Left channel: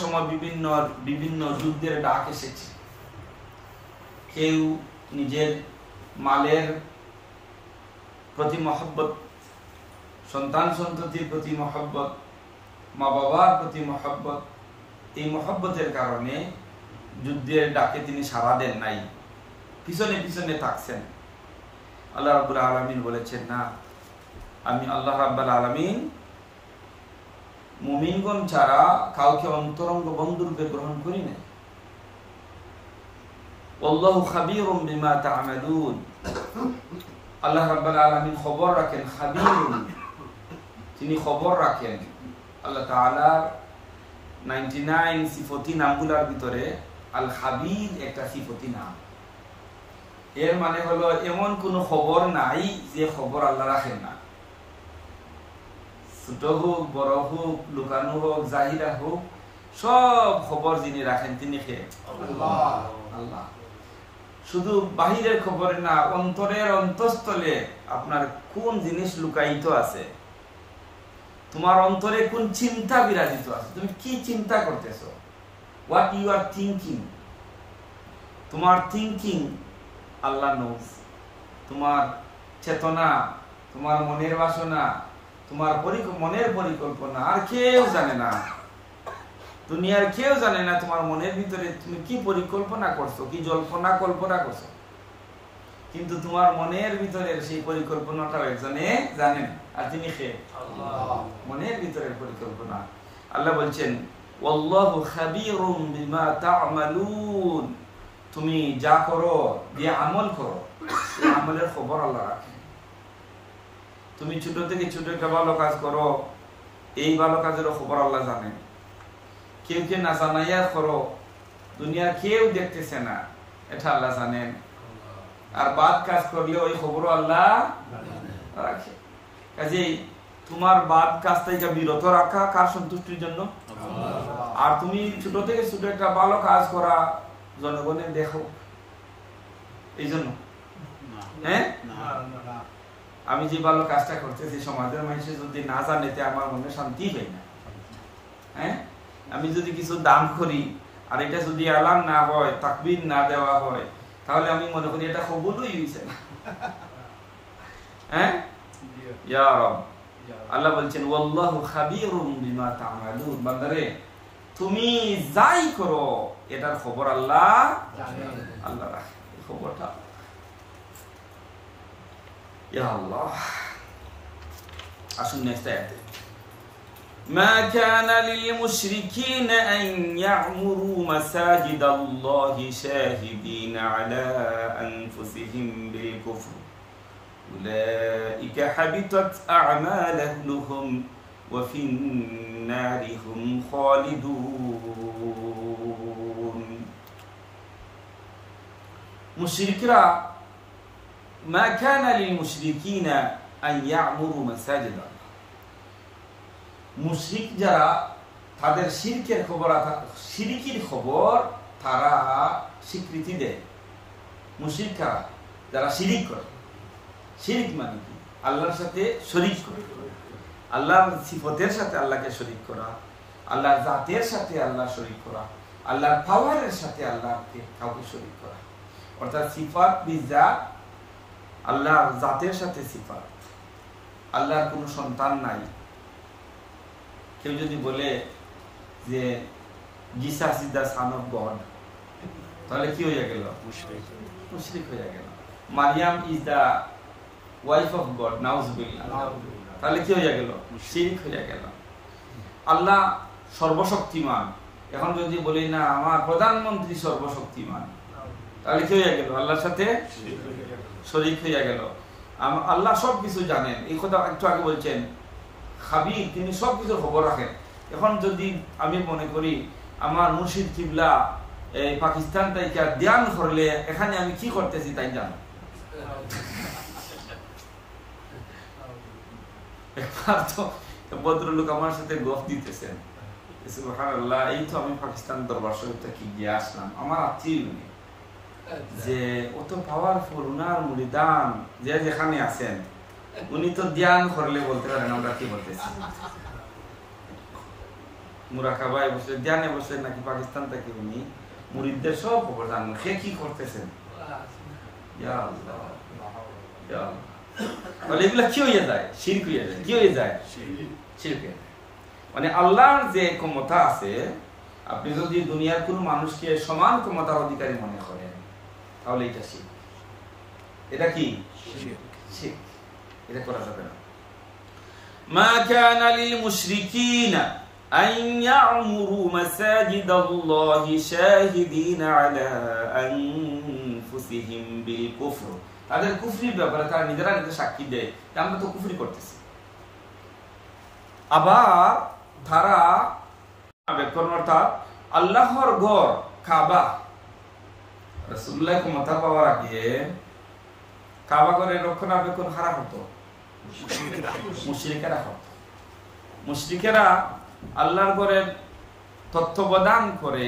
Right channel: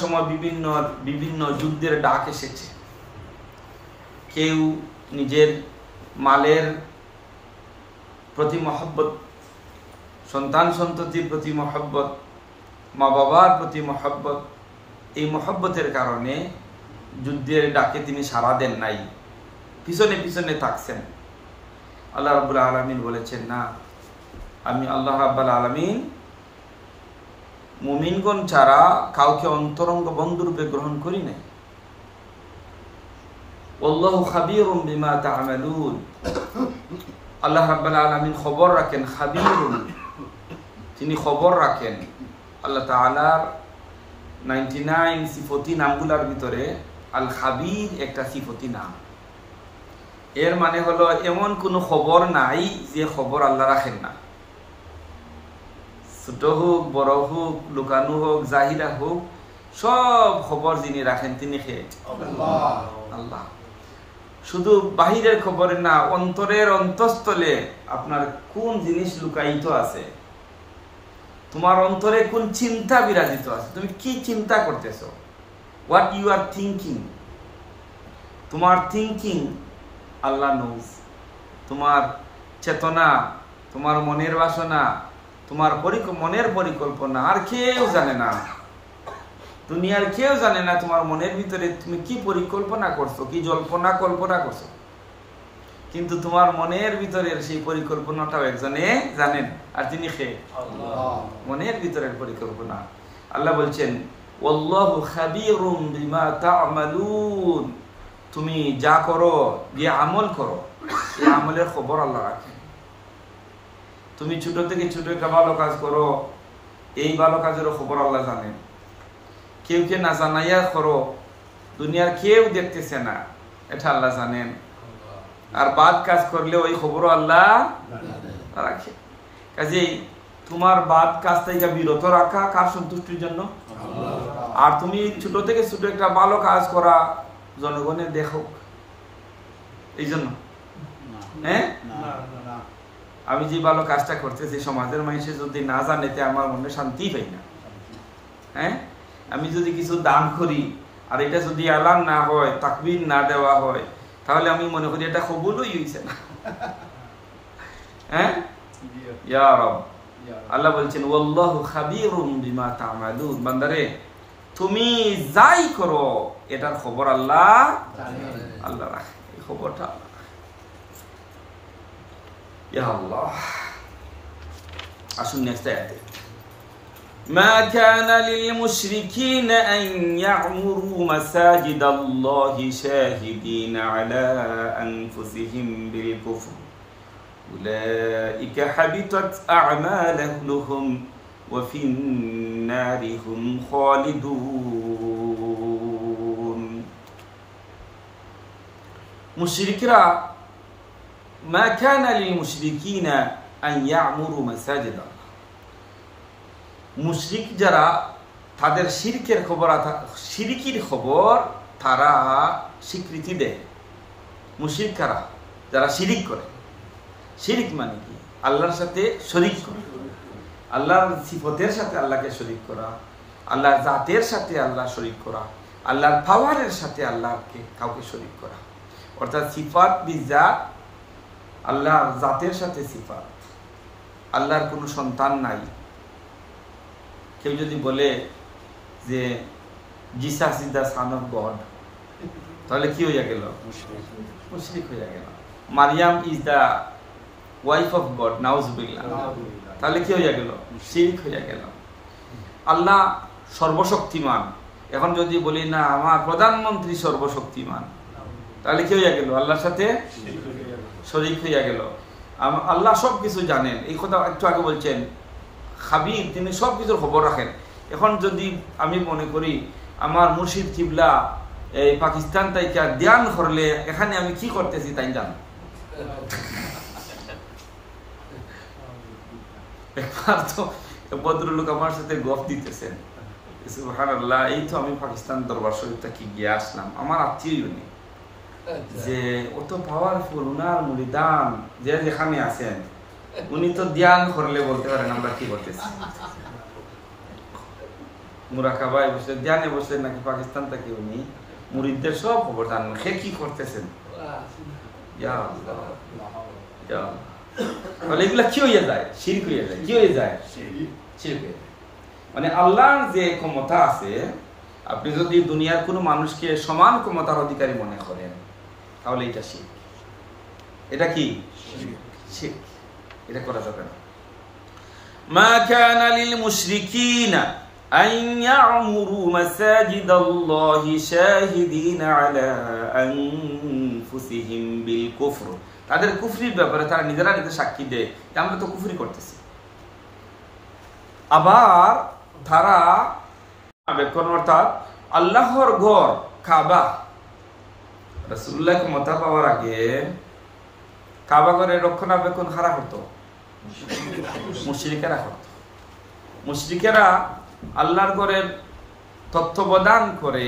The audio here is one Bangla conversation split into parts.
সময় বিভিন্ন বিভিন্ন যুদ্ধের ডাক এসেছে। কেউ নিজের মালের প্রতি মহব্বত, সন্তান সন্ততির প্রতি মহব্বত, মা বাবার প্রতি মহব্বত, এই মহব্বতের কারণে যুদ্ধের ডাকে তিনি সাড়া দেন নাই, পিছনে পিছনে থাকছেন। আল্লাহ রাব্বুল আলামিন বলেছেন, না, আমি আল্লাহ রাব্বুল আলামিন মুমিনগণ ছাড়া কাউকে অন্তরঙ্গ বন্ধুরূপে গ্রহণ করি নাই। আল্লাহু খাবীরুম বিমা তা'মালুন, আল্লাহ রাব্বুল আলামিন খবর রাখেন। খাবীরুন, তিনি খবর রাখেন। আল্লাহ তাআলার 99 সিফতি নামগুলোর ভিতরে আল খাবীর একটা সিফতি নাম। এর মানে হলো এমন কোনো খবর নাই যে খবর আল্লাহ রাখেন না। ছোট হোক, বড় হোক, লুকানো হোক, জাহিরা হোক, সব খবর যিনি রাখেন তিনি কে? আল্লাহ। শুধু বাহিরের খবরে না, অন্তরের অন্তঃস্থলে আপনার কোন জিনিস লুকায়িত আছে, তোমার অন্তরে কোন চিন্তা বিরাজিত আছে, তুমি কি চিন্তা করতেছ, হোয়াট ইউ আর থিঙ্কিং, তোমার থিঙ্কিং আল্লাহ নোজ। তোমার চেতনা, তোমার মনের বাসনা, তোমার মনের পরিকল্পনা আর কেউ জানে না, দুনিয়ার কেউ জানে না তোমার মনের ভিতরে তুমি কি পরিকল্পনা করছো, কি জল্পনা কল্পনা করছো। কিন্তু তোমার মনের ভিতরের সেই পরিকল্পনাটাও একজনে জানেন, আর তিনি কে? মনের ভিতরের পরিকল্পনা। আল্লাহ বলছেন, ওয়াল্লাহু খাবীরুম বিমা তা'মালুন, তুমি যা করো, যে আমল করো, এই আমলের খবর আল্লাহ রাখেন। তুমি ছোট থেকে ছোট একটা ভালো কাজ করো, এই ভালো কাজেরও খবর আল্লাহ জানেন। কেউ কে না জানাইয়া করো, দুনিয়ার কেউ দেখতেছে না, এটা আল্লাহ জানেন। আর বাদ কাজ করলে ওই খবরও আল্লাহ রাখে। কাজেই তোমার বাদ কাজ থেকে বিরত রাখা কার সন্তুষ্টির জন্য? আর তুমি ছোট থেকে ছোট একটা ভালো কাজ করা জনগণের দেখো, এই জন্য। হ্যাঁ, আমি যে ভালো কাজটা করতেছি সমাজের মানুষে যদি না জানেতে আমার মনে শান্তি হয় না। হ্যাঁ, আমি যদি কিছু দান করি আর এটা যদি এলান না হয়, তাকবীর না দেওয়া হয়, তাহলে আমি মনে করি এটা কবুলই হইছে না। হ্যাঁ, ইয়া রাব। আল্লাহ বলছেন, ওয়াল্লাহু খাবীরুম বিমা তা'মালুন, বান্দারে তুমি যাই করো এটার খবর আল্লাহ আল্লাহ রাখে, এই খবরটা আল্লাহ রাখে। ইয়া আল্লাহ। আসুন নেক্সট আয়াতে, মা কানা লিল মুশরিকিনা আন ইয়া'মুরু মাসাজিদাল্লাহি শাহিদিনা আলা আনফুসিহিম বিল কুফর উলাইকা হাবিতাত আ'মালুহুম ওয়া ফিন নারি হুম খালিদুন। মুশরিকরা, মা কানা লিল মুশরিকিনা আন ইয়া'মুরু মাসাজিদাল্লাহ, মুশরিক যারা, তাদের শিরকের খবর, শিরকির খবর তারা স্বীকৃতি দেয়। মুশরিক কারা? যারা শিরিক করে। শিরিক মানে কি? আল্লাহর সাথে শরীক করে, আল্লাহর সিফতের সাথে আল্লাহকে শরীক করা, আল্লাহর জাতের সাথে আল্লাহ শরীক করা, আল্লাহর পাওয়ারের সাথে আল্লাহকে কাউকে শরীক করা। অর্থাৎ সিফাত বিজাত, আল্লাহর জাতের সাথে সিফাত। আল্লাহর কোনো সন্তান নাই। কেউ যদি বলে যে Jesus is the son of God, তাহলে কি হইয়া গেল? মুশরিক হইয়া গেল। Mariam is the wife of God, নাউজুবিল্লাহ, তাহলে কি হইয়া গেল? শিরিক হইয়া গেল। আল্লাহ সর্বশক্তিমান, এখন যদি বলি না আমার প্রধানমন্ত্রী সর্বশক্তিমান, তাহলে কি হইয়া গেল? আল্লাহর সাথে শরীক হইয়া গেল। আল্লাহ সবকিছু জানেন, এই কথা একটু আগে বলছেন। খাবীর, তিনি সবকিছুর খবর রাখেন। এখন যদি আমি মনে করি আমার মুর্শিদ কিবলা এই পাকিস্তান তাইকা ধ্যান করলে এখানে আমি কি করতেছি তাই জানো। একবার তো ভদ্রলোক আমার সাথে গফ দিতেছেন, সুবহানাল্লাহ, এই তো আমি পাকিস্তান দরবার শরীফ থেকে গিয়ে আসলাম, আমার আত্মীয় উনি, যে অত পাওয়ারফুল, উনার মুরিদান যে যেখানে আছেন উনি তো ধ্যান করলে বলতে পারেন আমরা কি বলতেছি। মুরাকাবায় বসে ধ্যানে বসে নাকি পাকিস্তান থেকে উনি মুরিদদের সব খবর জানেন, সে কি করতেছেন। এগুলা কি হইয়া যায়? শিরক হইয়া যায়। কি হয়ে যায়? শিরক হয়ে যায়। মানে আল্লাহর যে ক্ষমতা আছে, আপনি যদি দুনিয়ার কোনো মানুষকে সমান ক্ষমতার অধিকারী মনে করেন, তাহলে এটা শিরক। এটা কি শিরক? এটা করা যাবে না। মা কানা লিল মুশরিকিনা আন ইয়া'মুরু মাসাজিদাল্লাহি শাহিদিনা আলা আনফুসিহিম বিল কুফর। তাদের কুফরির ব্যাপারে তারা নিজেরা নিজে সাক্ষী দেয় যে আমরা তো কুফরি করতেছি। আবার তারা অর্থাৎ আল্লাহর ঘর কাবা, রাসূলুল্লাহ ক্ষমতা পাওয়ার আগে কাবা ঘরের রক্ষণাবেক্ষণ কারা করতো? মুশরিকেরা করত। মুশরিকেরা আল্লাহর ঘরের তত্ত্বাবধান করে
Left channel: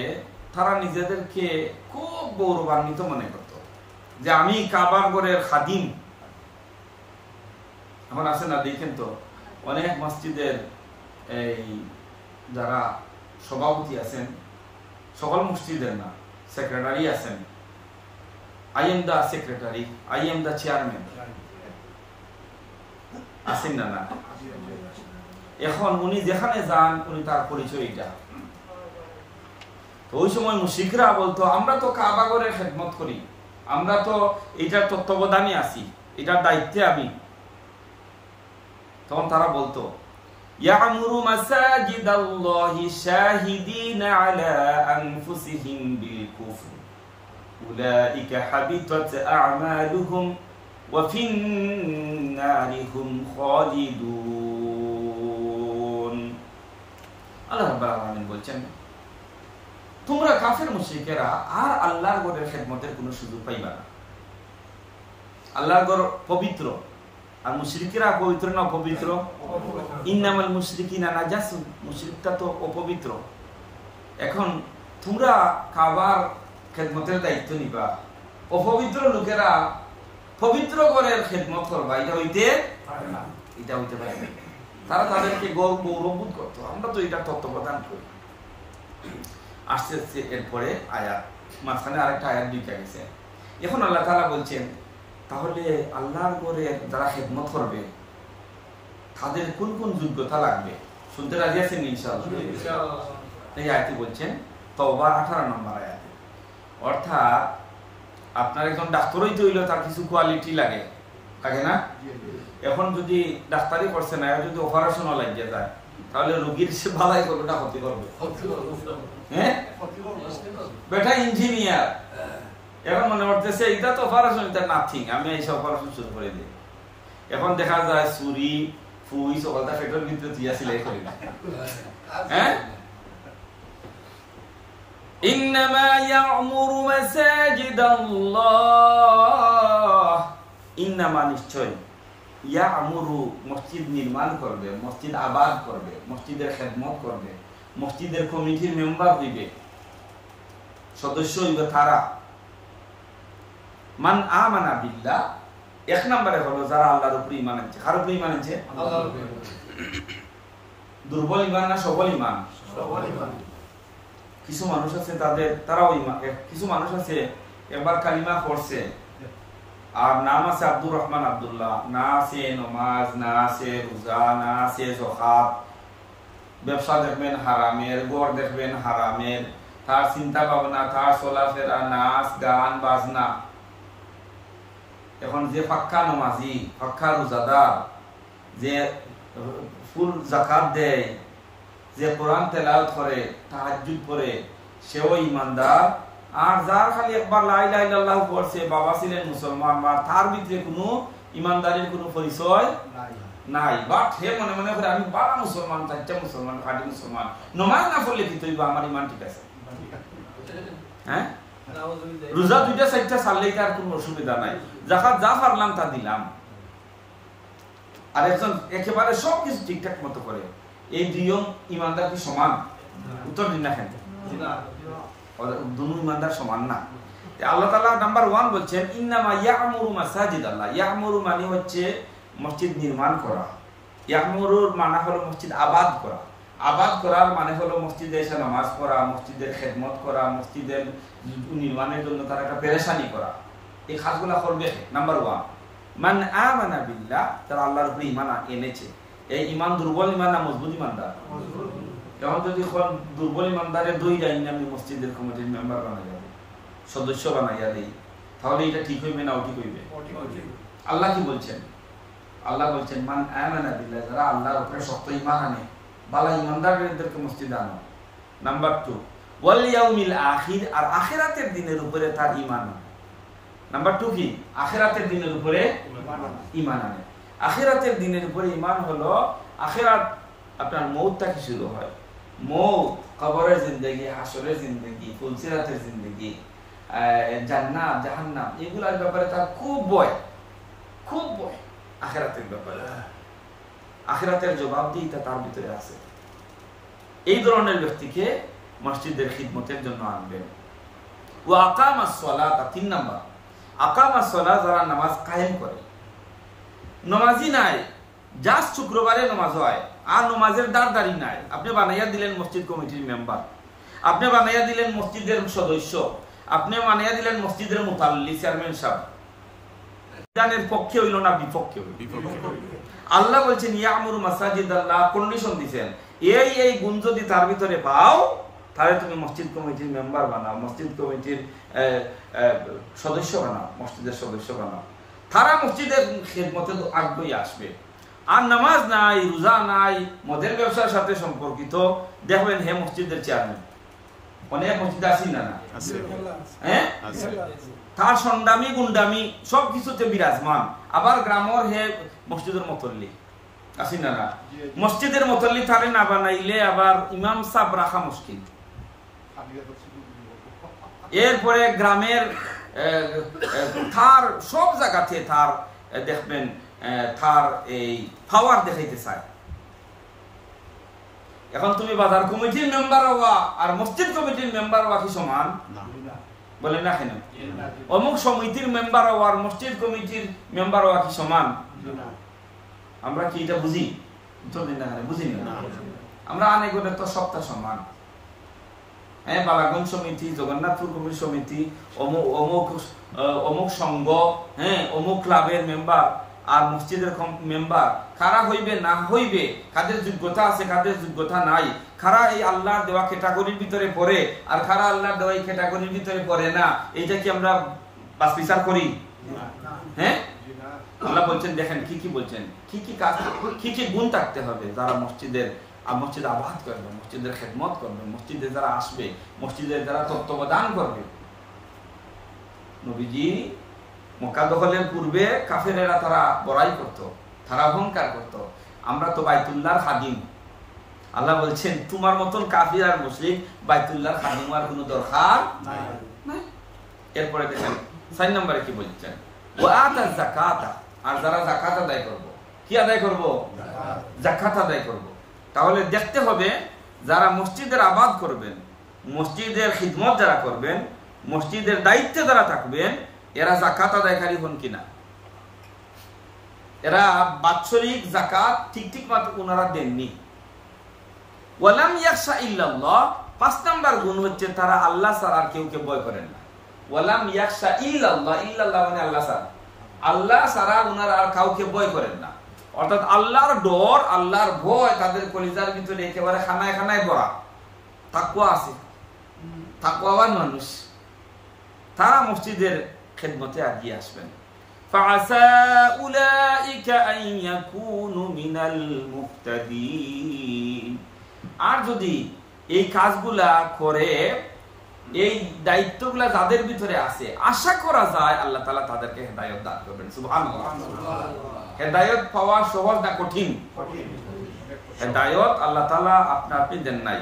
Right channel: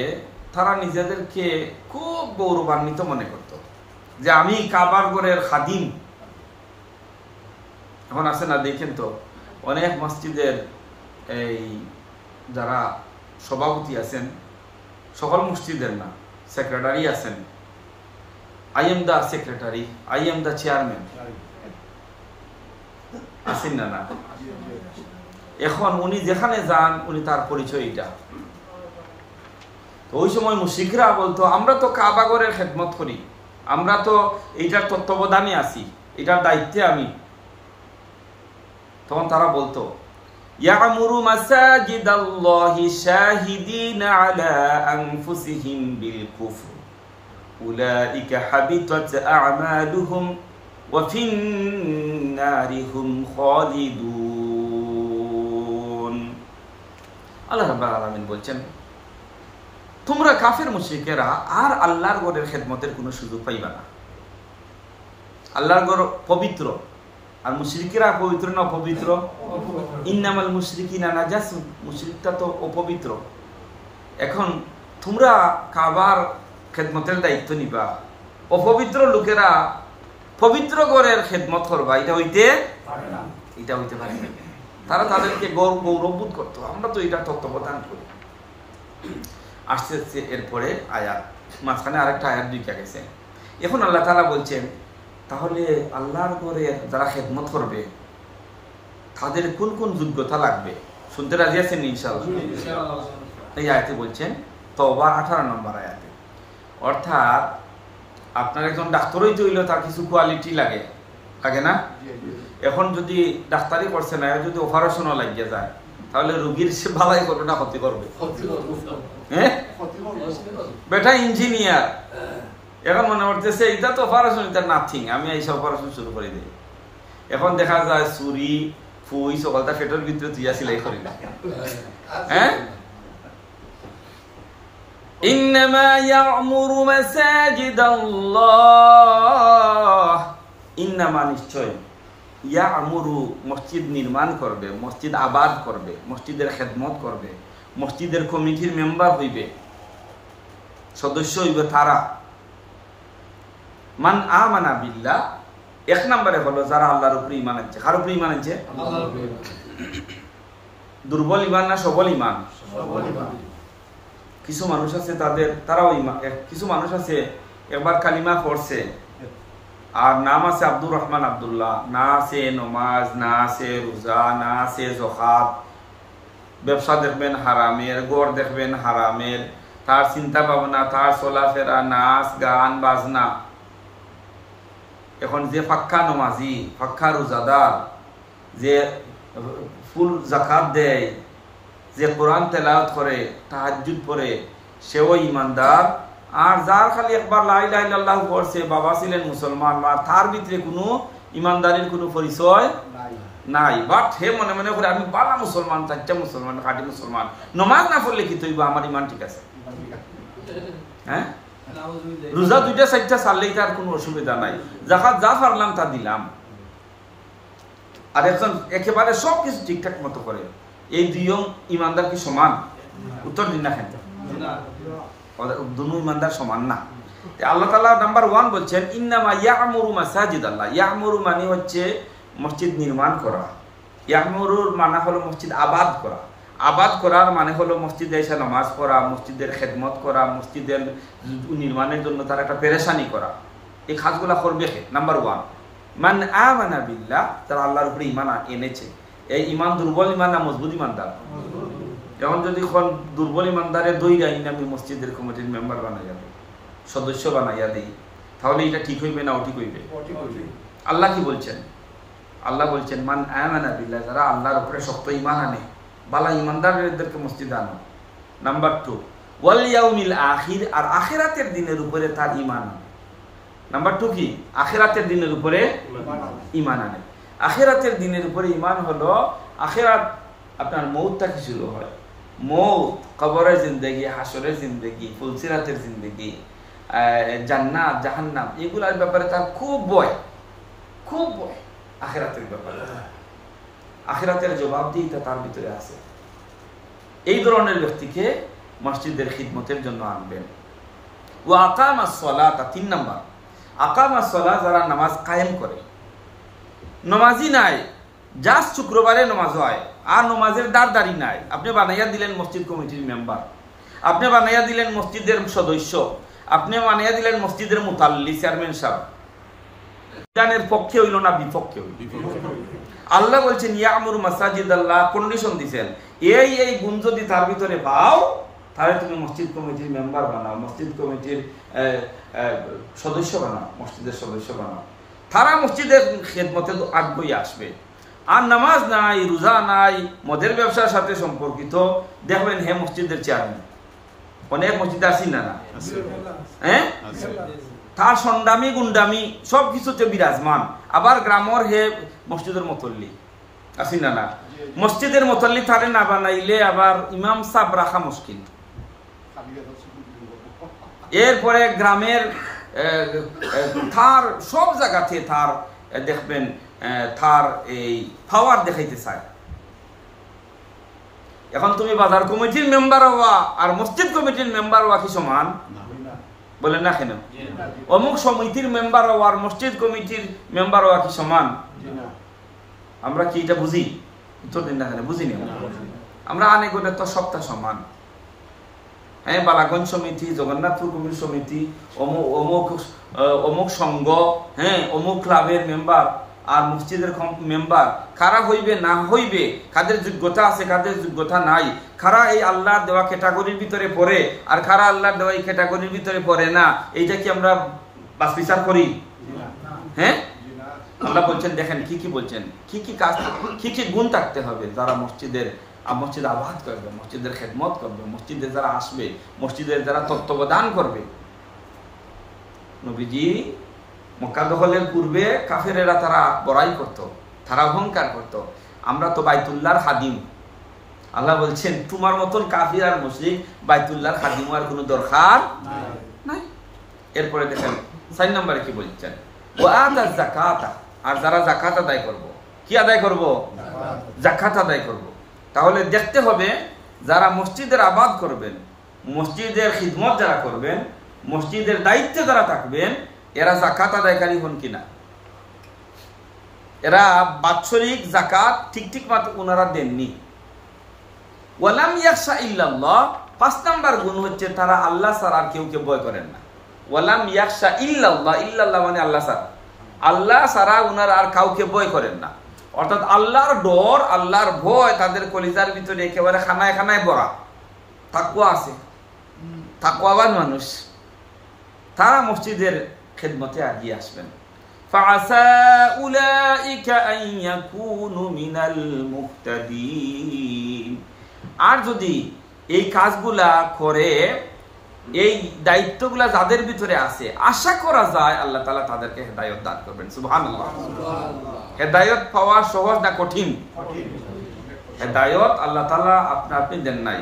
তারা নিজেদেরকে খুব গৌরবান্বিত মনে করত যে আমি কাবার ঘরের খাদিম। এখন আছে না, দেখেন তো অনেক মসজিদের এই যারা সভাপতি আছেন, সকল মসজিদের না, সেক্রেটারি আছেন, I am the secretary, I am the chairman আছেন না? না, এখন উনি যেখানে যান উনি তার পরিচয় এটা। তো ওই সময় মুশরিকরা বলতো আমরা তো কাবা ঘরের খেদমত করি, আমরা তো এইটার তত্ত্বাবধানে আছি, এটার দায়িত্বে আমি। তখন তারা বলতো ইয়া'মুরু মাসাজিদাল্লাহি শাহিদিনা আলা আনফুসিহিম বিল কুফর উলাইকা হাবিতাত আ'মালুহুম ওয়া ফিন নারি হুম খালিদুন। আল্লাহ রাব্বুল আলামিন বলছেন, তোমরা কাফের মুশরিকেরা আর আল্লাহর ঘরের খেদমতের কোনো সুযোগ পাইবা না। আল্লাহর ঘর পবিত্র, আর মুশরিকেরা পবিত্র না অপবিত্র? ইন্নামাল মুশরিকিনা নাজাসুন, মুশরিকটা তো অপবিত্র। এখন তোমরা কাবার খেদমতের দায়িত্ব নিবা, অপবিত্র লোকেরা পবিত্র ঘরের খেদমত করবা, এটা হইতে পারে না। তারা তাদেরকে গৌরববোধ করতো, আমরা তো এটা তত্ত্বাবধান করি। আসতে আসতে এরপরে আয়াত, মাঝখানে আরেকটা আয়াত দুইটা গেছে। এখন আল্লাহ তাআলা বলছেন, তাহলে আল্লাহর ঘরের যারা খেদমত করবে তাদের কোন কোন যোগ্যতা লাগবে? শুনতে রাজি আছেন ইনশাআল্লাহ? এই আয়াতে বলছেন, তওবার 18 নম্বর আয়াতে। অর্থাৎ আপনার একজন ডাক্তার হইতে হইলেও তার কিছু কোয়ালিটি লাগে না? এখন যদি ডাক্তারি করছে না, যদি অপারেশনও লাগিয়ে যায়, তাহলে রোগীর সে ভালাই করবে না ক্ষতি করবে? হ্যাঁ, বেটা ইঞ্জিনিয়ার, এখন মনে করতেছে এটা তো অপারেশন, এটা নাথিং, আমি এইসব অপারেশন শুরু করে দিই। এখন দেখা যায় ছুরি ফুই সকলটা পেটের ভিতরে দিয়া সিলাই করি না। হ্যাঁ, ইন্নামা ইয়া'মুরু মাসাজিদাল্লাহ, ইন্নামা নিশ্চয়, ইয়া'মুরু মসজিদ নির্মাণ করবে, মসজিদ আবাদ করবে, মসজিদের খেদমত করবে, মসজিদের কমিটির মেম্বার হইবে, সদস্য হইবে তারা মান আমানা বিল্লাহ। এক নম্বরে হলো যারা আল্লাহর উপরে ঈমান আনছে। কার উপরে ঈমান আনছে? দুর্বল ঈমান না সবল ঈমান? কিছু মানুষ আছে তারাও ঈমান, কিছু মানুষ আছে একবার কালিমা পড়ছে আর নাম আছে আব্দুর রহমান আব্দুল্লাহ, না আছে নমাজ, না আছে রোজা, না আছে যাকাত, ব্যবসা দেখবেন হারামের, গড় দেখবেন হারামের, তার চিন্তা ভাবনা, তার চলাফেরা, নাচ গান বাজনা। এখন যে পাক্কা নমাজি, পাক্কা রোজাদার, যে ফুল যাকাত দেয়, যে কোরআন তেলাওয়াত করে, তাহাজ্জুদ পড়ে, সেও ইমানদার। আর যার খালি একবার লা ইলাহা ইল্লাল্লাহ পড়ছে, বাবা ছিলেন মুসলমান, বা তার ভিতরে কোনো ইমানদারির কোনো পরিচয় নাই, বাট হে মনে মনে করে আমি বালা মুসলমান, চারটা মুসলমান, খাঁটি মুসলমান, নমাজ না পড়লে কি তৈবা আমার ইমান ঠিক আছে। হ্যাঁ, রোজা 2টা 4টা ছাড়লেই তার কোনো অসুবিধা নাই, যাকাত যা পারলাম তা দিলাম। আর একজন একেবারে সবকিছু ঠিকঠাক মতো করে, এই দুইজন ইমানদার কি সমান? উত্তর দিন না, খেতে দুনো ইমানদার সমান না। আল্লাহ তাআলা নাম্বার 1 বলছেন, ইন্নামা ইয়া'মুরু মাসাজিদাল্লাহ। ইয়া'মুরু মানে হচ্ছে মসজিদ নির্মাণ করা, ইয়া'মুরুর মানে হলো মসজিদ আবাদ করা। আবাদ করার মানে হলো মসজিদে এসে নামাজ পড়া, মসজিদের খেদমত করা, মসজিদের নির্মাণের জন্য তার একটা পেরেশানি করা, এই কাজগুলা করবে। নাম্বার 1, মান আমানা বিল্লাহ, তারা আল্লাহর উপরে ঈমান এনেছে। এই ঈমান দুর্বল ঈমান না মজবুত ঈমানদার? এখন যদি কোন দুর্বল ঈমানদারে দইরা আমি মসজিদের কমিটির মেম্বার বানাইয়া দেই, সদস্য বানাইয়া দেই, তাহলে এটা ঠিক হইবে না অঠিক হইবে? আল্লাহ কি বলছেন? আল্লাহ বলছেন মান আমানা বিল্লাহ, যারা আল্লাহর উপরে শক্ত ঈমান আনে, বালা ঈমানদারদেরকে মসজিদে আনো। নাম্বার 2, ওয়াল ইয়াউমিল আখির, আর আখিরাতের দিনের উপরে তার ঈমান আনে। নাম্বার 2 কি? আখিরাতের দিনের উপরে ঈমান আনে। আখিরাতের দিনের উপরে ঈমান হলো আখিরাত, আপনার মৌতটা কি শুরু হয়? মৌত, কবরের জিন্দেগি, হাসরের জিন্দেগি, ফুলসিরাতের জিন্দেগি, জান্নাত জাহান্নাম, এগুলার ব্যাপারে তার খুব ভয়, খুব ভয়। আখিরাতের ব্যাপারে আখিরাতের জবাবদিহিতা তার ভিতরে আছে। এই ধরনের ব্যক্তিকে মসজিদের খিদমতের জন্য আনবেন। ও আকামাস সালাত, 3 নাম্বার, আকামাস সালাত, যারা নামাজ কায়েম করে। নামাজি নাই, জাস্ট শুক্রবারে নামাজ হয়, আর নামাজের দাঁড়ি নাই। আপনি বানাইয়া দিলেন মসজিদ কমিটির মেম্বার, আপনি বানাইয়া দিলেন মসজিদের সদস্য, আপনি বানাইয়া দিলেন মসজিদের মুতাল্লি, চেয়ারম্যান সাহেব, বিধানের পক্ষে হইল না বিপক্ষে হইল? আল্লাহ বলছেন ইয়ামুরু মাসাজিদ আল্লাহ, কন্ডিশন দিচ্ছেন, এই গুণ যদি তার ভিতরে পাও, তাহলে তুমি মসজিদ কমিটির মেম্বার বানাও, মসজিদ কমিটির সদস্য বানাও, মসজিদের সদস্য বানাও। তারা মসজিদের খেদমতে আগ্রহী আসবে। আর নামাজ নাই, রোজা নাই, মদের ব্যবসার সাথে সম্পর্কিত, দেখবেন হে মসজিদের চেয়ারম্যান, অনেক মসজিদে আসি না না, হ্যাঁ, তার সন্ডামি গুন্ডামি সব কিছুতে বিরাজমান। আবার গ্রামের হে মসজিদের মতল্লি, আসি না না, মসজিদের মতল্লি তারে না বানাইলে আবার ইমাম সাহেব রাখা মুশকিল। এরপরে গ্রামের তার সব জায়গাতে তার দেখবেন তার এই পাওয়ার দেখাইতে চায়। এখন তুমি বাজার কমিটির মেম্বার হওয়া আর মসজিদ কমিটির মেম্বার হওয়া কি সমান? বলেন না কেন? অমুক সমিতির মেম্বার হওয়া আর মসজিদ কমিটির মেম্বার হওয়া কি সমান? আমরা কি এটা বুঝি? উত্তর দিন না কেন? বুঝিনি আমরা। অনেক তো সবটা সমান। হ্যাঁ, বালাগঞ্জ সমিতি, জগন্নাথপুর কমিটি সমিতি, অমুক সংঘ, হ্যাঁ, অমুক ক্লাবের মেম্বার আর মসজিদের মেম্বার, কারা হইবে না হইবে, কাদের যোগ্যতা আছে কাদের যোগ্যতা নাই, কারা এই আল্লাহর দেওয়া ক্যাটাগরির ভিতরে পড়ে আর কারা আল্লাহর দেওয়া এই ক্যাটাগরির ভিতরে পড়ে না, এইটা কি আমরা বাস বিচার করি? হ্যাঁ, আল্লাহ বলছেন দেখেন কি কি বলছেন, কি কি কাজ, কি কি গুণ থাকতে হবে যারা মসজিদ আবাদ করবে, মসজিদের খেদমত করবে, মসজিদে যারা আসবে, মসজিদের যারা তত্ত্বাবধান করবে। নবীজি মক্কা দখলের পূর্বে কাফেরেরা তারা বড়াই করত, তারা অহংকার করত, আমরা তো বাইতুল্লাহর খাদিম। আল্লাহ বলছেন তোমার মতন কাফির আর মুশরিক বাইতুল্লাহর খাদিম হওয়ার কোনো দরকার নাই। এরপরে দেখেন 4 নম্বরে কি বলছেন, ওয়া আতা যাকাতা, আর যারা যাকাত আদায় করব, কি আদায় করব? যাকাত আদায় করব। তাহলে দেখতে হবে যারা মসজিদের আবাদ করবেন, মসজিদের খিদমত যারা করবেন, মসজিদের দায়িত্বে যারা থাকবেন, এরা যাকাত আদায়কারী হন কিনা, এরা বাৎসরিক যাকাত ঠিক মতো ওনারা দেননি। ওয়ালাম ইয়াখশা ইল্লাল্লাহ, 5 নাম্বার গুণ হচ্ছে তারা আল্লাহ ছাড়া আর কেউকে ভয় করেন না। ওয়ালাম ইয়াখশা ইল্লাল্লাহ, ইল্লাল্লাহ মানে আল্লাহ ছাড়া, আল্লাহ ছাড়া ওনারা আর কাউকে ভয় করেন না। অর্থাৎ আল্লাহর ডর, আল্লাহর ভয় তাদের কলিজার ভিতরে একেবারে খানায় খানায় ভরা। তাকওয়া আছে, তাকওয়াবান মানুষ, তারা মসজিদের খেদমতে এগিয়ে আসবেন। ফাআসা উলাইকা আন ইয়াকুনু মিনাল মুহতাদিন, আর যদি এই কাজগুলা করে, এই দায়িত্বগুলা যাদের ভিতরে আছে, আশা করা যায় আল্লাহ তাআলা তাদেরকে হেদায়েত দান করবেন। সুবহানাল্লাহ। হেদায়েত পাওয়া সহজ না কঠিন? হেদায়েত আল্লাহ তাআলা আপনি দেন নাই।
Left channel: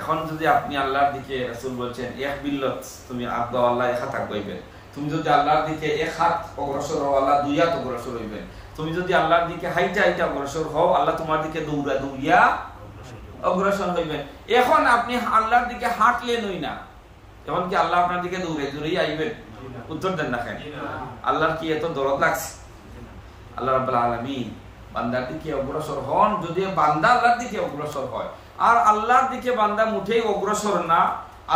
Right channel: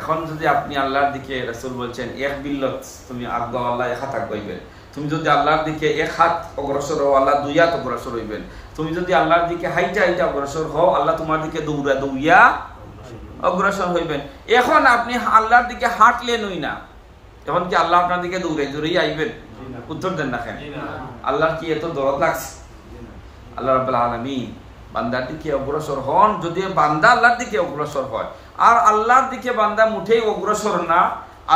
এখন যদি আপনি আল্লাহর দিকে, রাসূল বলছেন এক বিল্লত তুমি আজ্ঞা আল্লাহ এক হাত আগাইবেন, তুমি যদি আল্লাহর দিকে এক হাত অগ্রসর হও আল্লাহ 2 হাত অগ্রসর হইবেন, তুমি যদি আল্লাহর দিকে হাইটা অগ্রসর হও আল্লাহ তোমার দিকে দৌড়িয়া অগ্রসর হইবেন। এখন আপনি আল্লাহর দিকে হাঁটলেনই না, এখন কি আল্লাহ আপনার দিকে দৌড়াই আইবেন? উত্তর দেন না কেন? আল্লাহর কি এত দরদ লাগছে? আল্লাহ রাব্বুল আলামিন বান্দার দিকে অগ্রসর হন। যদি বান্দা আল্লাহর দিকে অগ্রসর হয়, আর আল্লাহর দিকে বান্দা মুঠেই অগ্রসর না,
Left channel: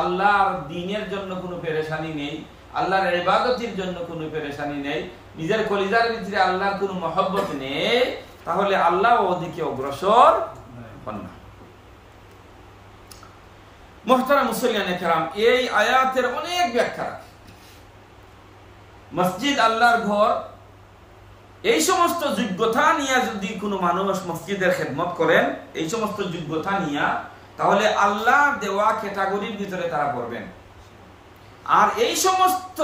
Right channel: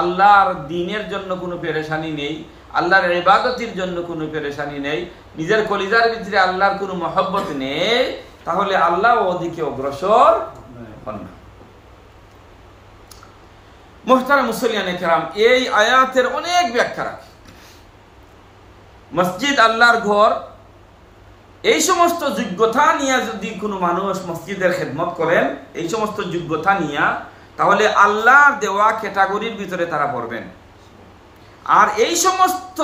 আল্লাহর দ্বীনের জন্য কোনো পেরেশানি নেই, আল্লাহর ইবাদতের জন্য কোনো পেরেশানি নেই, নিজের কলিজার ভিতরে আল্লাহর কোনো মহব্বত নেই, তাহলে আল্লাহ ওদিকে অগ্রসর হন না। মুহতারাম মুসল্লিয়ানে কেরাম, এই আয়াতের অনেক ব্যাখ্যা রাখে। মসজিদ আল্লাহর ঘর, এই সমস্ত যোগ্যতা নিয়ে যদি কোনো মানুষ মসজিদের খেদমত করেন, এই সমস্ত যোগ্যতা নিয়ে, তাহলে আল্লাহর দেওয়া ক্যাটাগরির ভিতরে তারা পড়বেন। আর এই সমস্ত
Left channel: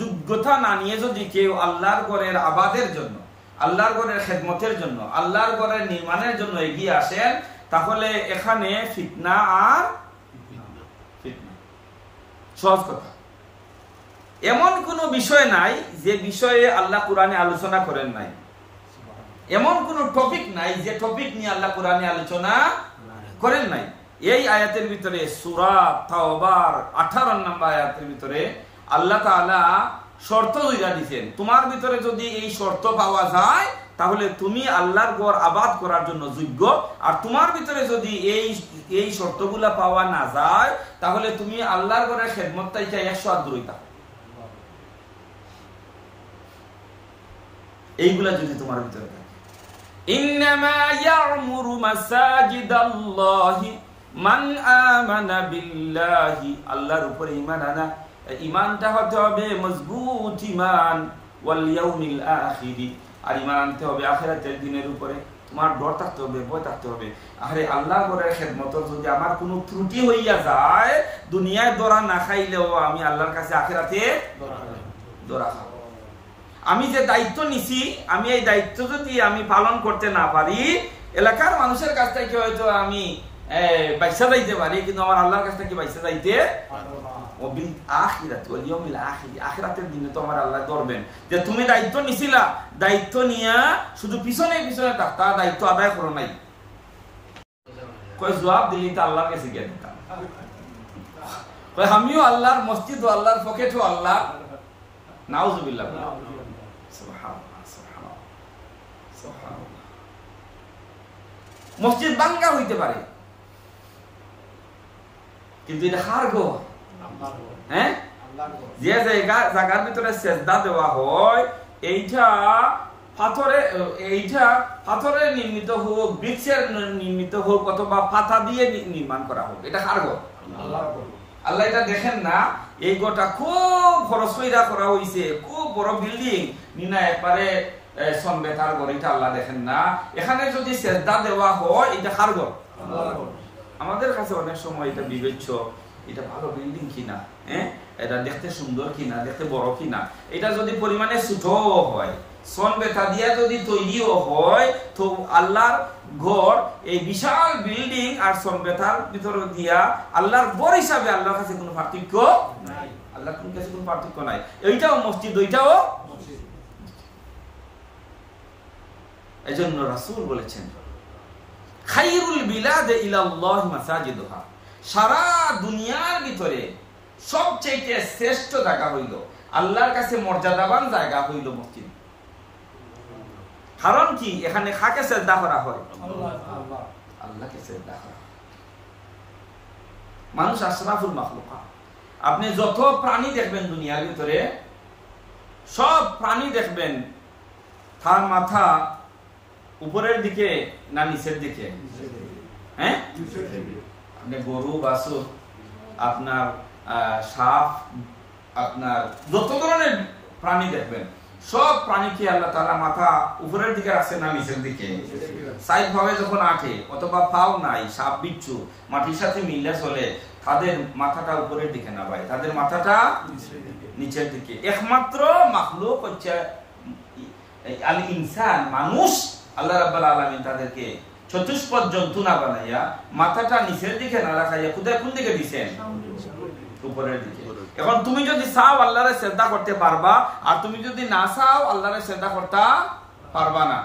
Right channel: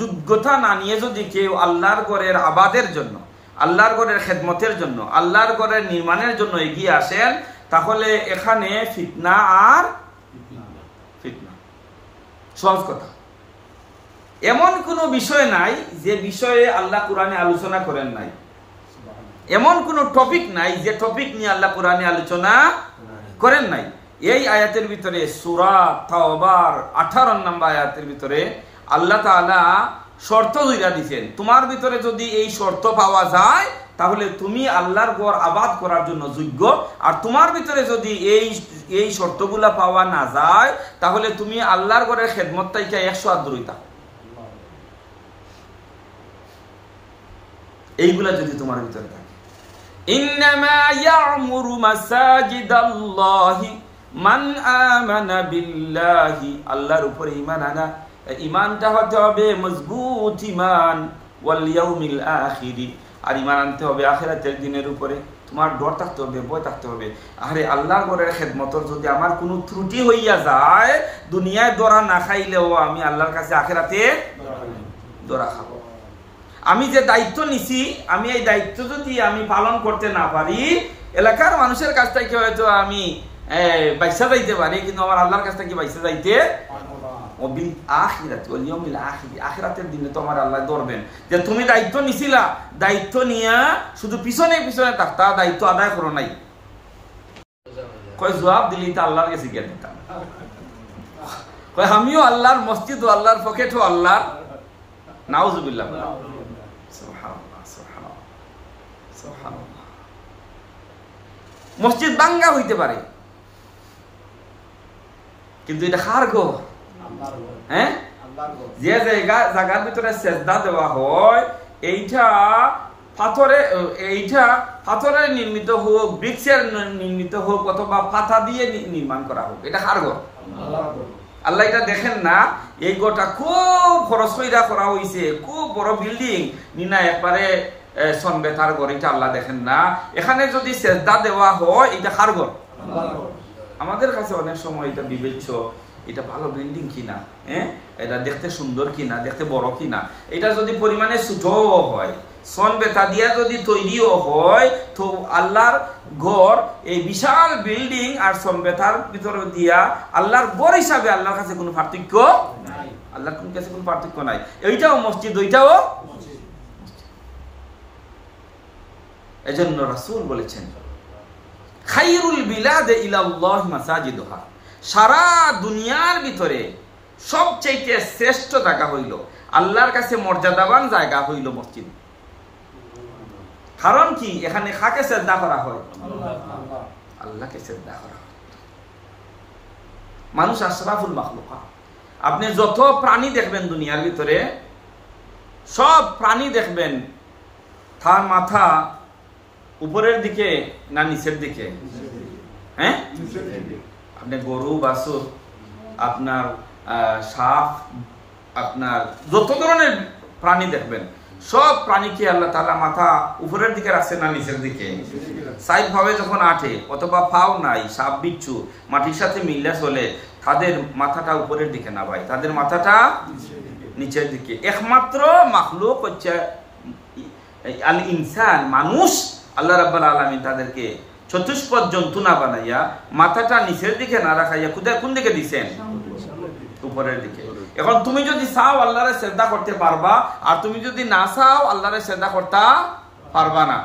যোগ্যতা না নিয়ে যদি কেউ আল্লাহর ঘরের আবাদের জন্য, আল্লাহর ঘরের খেদমতের জন্য, আল্লাহর ঘরের নির্মাণের জন্য এগিয়ে আসেন, তাহলে এখানে ফিতনা আর ফিতনা। সহজ কথা, এমন কোনো বিষয় নাই যে বিষয়ে আল্লাহ কোরআনে আলোচনা করেন নাই, এমন কোনো টপিক নাই যে টপিক নিয়ে আল্লাহ কোরআনে আলোচনা করেন নাই। এই আয়াতের ভিতরে সূরা তাওবার 18 নম্বর আয়াতের ভিতরে আল্লাহ তাআলা শর্ত দিরা দিয়েছেন, তোমার ভিতরে যদি এই শর্ত পাওয়া যায় তাহলে তুমি আল্লাহর ঘর আবাদ করার জন্য যোগ্য, আর তোমার ভিতরে যদি এই শর্তগুলা পাওয়া না যায় তাহলে তুমি আল্লাহর ঘরের খেদমত থেকে 100 হাত দূরে থাকো। এইগুলা যদি তোমার ভিতরে থাকে, ইন্নামা ইয়া'মুরু মাসাজিদাল্লাহি মান আমানা বিল্লাহি, আল্লাহর উপরে ঈমান আনা, ঈমানটা হতে হবে মজবুত ঈমান, ওয়াল ইয়াউমিল আখির, আর ঈমান আনতে হবে আখিরাতের দিনের উপরে। তোমার ডর থাকতে হবে, ভয় থাকতে হবে। আরে আল্লাহর ঘরের খেদমতর যদি আমার কোনো ত্রুটি হইয়া যায়, দুনিয়ায় দরা না খাইলেও আমি আল্লাহর কাছে আখিরাতে দরা খাবো। আমি যে দায়িত্ব নিছি, আমি এই দায়িত্ব যদি আমি পালন করতে না পারি, এলাকার মানুষের কাছ থেকে হয়তো আমি বাইসা যাইতে পারি, কিন্তু আমার আল্লাহর কাছ থেকে বাইসা যাইতে আখিরাতের দিনে তো আমার আল্লাহ ধরবেন যে তুমি দায়িত্ব নিছিলা, দায়িত্ব নিয়া শুধু পিছনে পিছনে থাকতা, দায়িত্ব আদায় করো নাই। কয় জবাব দিলি তা আল্লাহর কাছে গিয়ে দিতাম। কয় আমিও আল্লাহর, মসজিদ ও আল্লাহর, পকেট ও আল্লাহর। নাউজুবিল্লাহ বলে সুবহানাল্লাহ, সুবহানাল্লাহ, সুবহানাল্লাহ। মসজিদ ভাঙ্গা হইতে পারে, কিন্তু এটা কার ঘর? হ্যাঁ, যে জায়গার ভিতরে সেজদা দেওয়া হয় এইটা পাথরের নির্মিত হোক, বৃক্ষের নির্মিত হোক, অথবা পাতা দিয়ে নির্মাণ করা হোক, এটা কার ঘর? আল্লাহ এটা দেখেন না? এই ঘরটা খুব খরচ করা হয়েছে, খুব বড় বিল্ডিং নিনা একবারে সনবেতার ঘর, এটা আল্লাহ দেখেন না? এখানে যদি সেজদা দেওয়া হয়, এটা কার ঘর? আমাদের কাছে অনেক সময় এটা বিবেচ্য, এটা ভালো বিল্ডিং কিনা, এটা দেখতে সুন্দর কিনা, দেখতে বড় কিনা। এটা যদি পরিমাণে ছোটও হয়, সন বেতা দিয়া যদি তৈরিও হয়, তো আল্লাহর ঘর, এই বিশাল বিল্ডিং আর সন বেতার ভিতরে দিয়া আল্লাহর ঘর হিসাবে আল্লাহর কাছে কোনো পার্থক্য নাই, আল্লাহর কাছে কোনো পার্থক্য নাই। এইটাও মসজিদ, ওইটাও মসজিদ। এজন্য রাসূল বলেছেন, খায়রুল বিলাদ ইলাল্লাহ মাসাজিদুহা, সারা দুনিয়ার ভিতরে সবচেয়ে শ্রেষ্ঠ জায়গা হইল, আল্লাহর কাছে মর্যাদাবান জায়গা হইল মসজিদ। কারণ কি? এখানে কাকে শ্রদ্ধা করা হয়? আল্লাহকে শ্রদ্ধা করা হয়। মানুষ আশরাফুল মাখলুকা। আপনি যত প্রাণী দেখবেন দুনিয়ার ভিতরে, সব প্রাণী দেখবেন তার মাথা উপরের দিকে না নিচের দিকে? হ্যাঁ, আপনি গরু, বাছুর, আপনার সাপ, আপনার যত ধরনের প্রাণী দেখবেন, সব প্রাণীকে আল্লাহ তাআলা মাথা উপরের দিকে রাখছে না নিচের দিকে? সাইড ভাবে যখন আঠে, অথবা পাও নাই, সাপ বিচ্ছু মাটির সাথে মিল্লা চলে, তাদের মাথাটা উপরের দিকে না ভাই, তাদের মাথাটা নিচের দিকে। একমাত্র মাখলুক হচ্ছে আল ইনসান, মানুষ। আল্লাহ রাব্বুল আলামিন তাদেরকে চতুষ্পদ জন্তু না বানাইয়া মাথাটা নিচের দিকে না রাখাইয়া কোন দিকে দিচ্ছেন? উপরের দিকে। এখন তুমি যদি চাও আল্লাহরে শ্রদ্ধা করতে পারবা, আর তুমি যদি না চাও আল্লাহরে শ্রদ্ধা করতে পারবা না।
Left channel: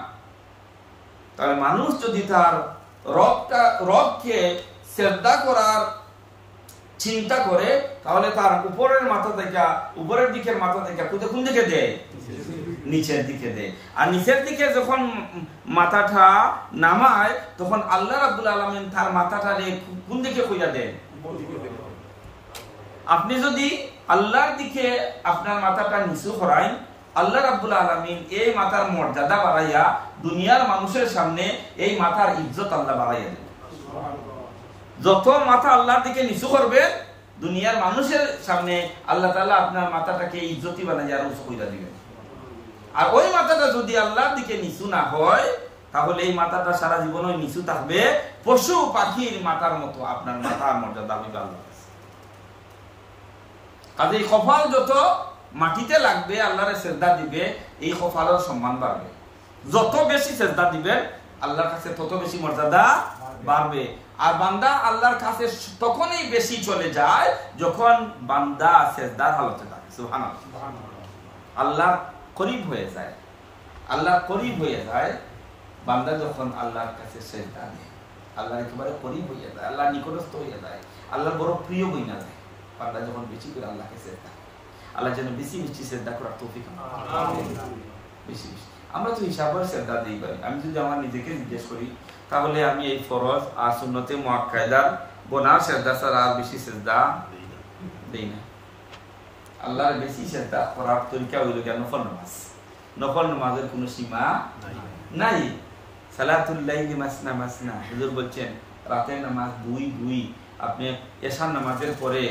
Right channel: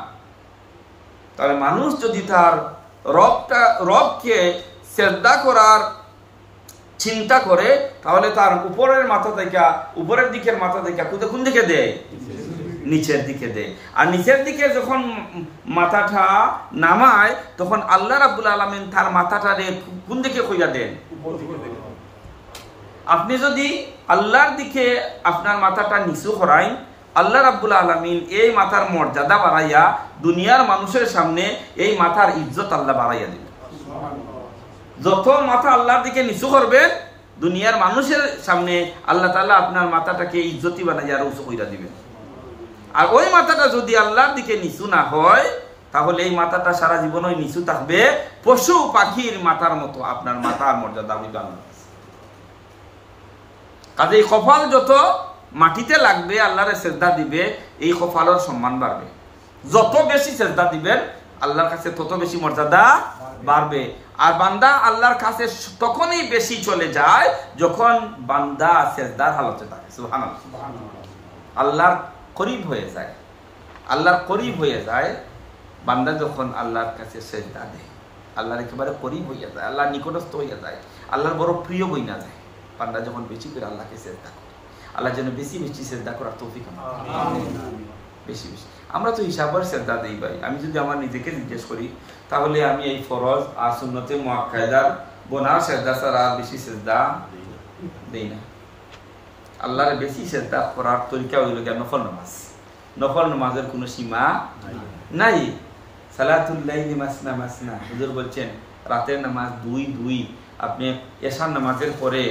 তাহলে মানুষ যদি তার রবকে শ্রদ্ধা করার চিন্তা করে, তাহলে তার উপরের মাথা থেকে, উপরের দিকের মাথা থেকে কোন দিকে দেয়? নিচের দিকে দেয়। আর নিচের দিকে যখন মাথাটা নামায় তখন আল্লাহ রাব্বুল আলামিন তার মাথাটা কোন দিকে কইয়া দেন? আপনি যদি আল্লাহর দিকে আপনার মাথাটা নিচু করাই, আল্লাহ রাব্বুল আলামিন এই মাথার মর্যাদা বাড়াইয়া দুনিয়ার মানুষের সামনে এই মাথার ইজ্জত আল্লাহ বাড়াইয়া দিলেন। যত মাথা আল্লাহর দিকে নিচু করবেন দুনিয়ার মানুষের সামনে আল্লাহ তাআলা আপনার মাথাটাকে ইজ্জতি বানাইয়া আর উঁচু কইরা দিবেন। আর ওই মাথাটা যদি আল্লাহর দিকে নিচু না হয় তাহলে এই মাথাটা সারা জীবন ওই নিচু থাকবে, পশু পাখির মাথার মতো আপনার মাথার মর্যাদা হইবে আল্লাহর কাছে। কাজেই কপাল যত মাটিতে লাগবে আল্লাহরে সেজদা দিবে, এই কপালের সম্মান বাড়বে। যত বেশি সেজদা দিবেন আল্লাহর কাছে তত বেশি মর্যাদা বাড়বে। আর বান্দা আল্লাহর কাছে তখনই বেশি চলে যায় যখন বান্দা সেজদার হালতে থাকে। সুবহানাল্লাহ। আল্লাহর করিব হয়ে যায়, আল্লাহর করিব হয়ে যায় বান্দা যখন আল্লাহর কাছে সেজদা দেয়, আল্লাহর একেবারে করিব হইয়া যায়, আল্লাহর নিকটস্থ হইয়া যায়, আল্লাহর বড় প্রিয় বইনা যায়। বান্দা যখন বেশি করে আল্লাহকে সেজদা করে, আল্লাহ যেন বেশি বেশি সেজদা করার তৌফিক আমাদের বেশি বেশি। আমরা তো হিসাবের সেজদা দেই ভাই। আমি যদি আমার নিজেকে জিজ্ঞেস করি তাহলে আমি এই ফরজ আর সুন্নতে মুআক্কাদার গোনার সেজদা ছাড়া আর বেশি সেজদা দেই না। আল্লাহর বেশি সেজদা করার তরিকা হইল কি নফল নামাজ। নফল নামাজের কোনো সীমা নাই। সালাতুল লাইলি মাসনা মাসনা, হুজুর বলছেন রাতের নামাজ 2-2। আপনি এশার নামাজের পরে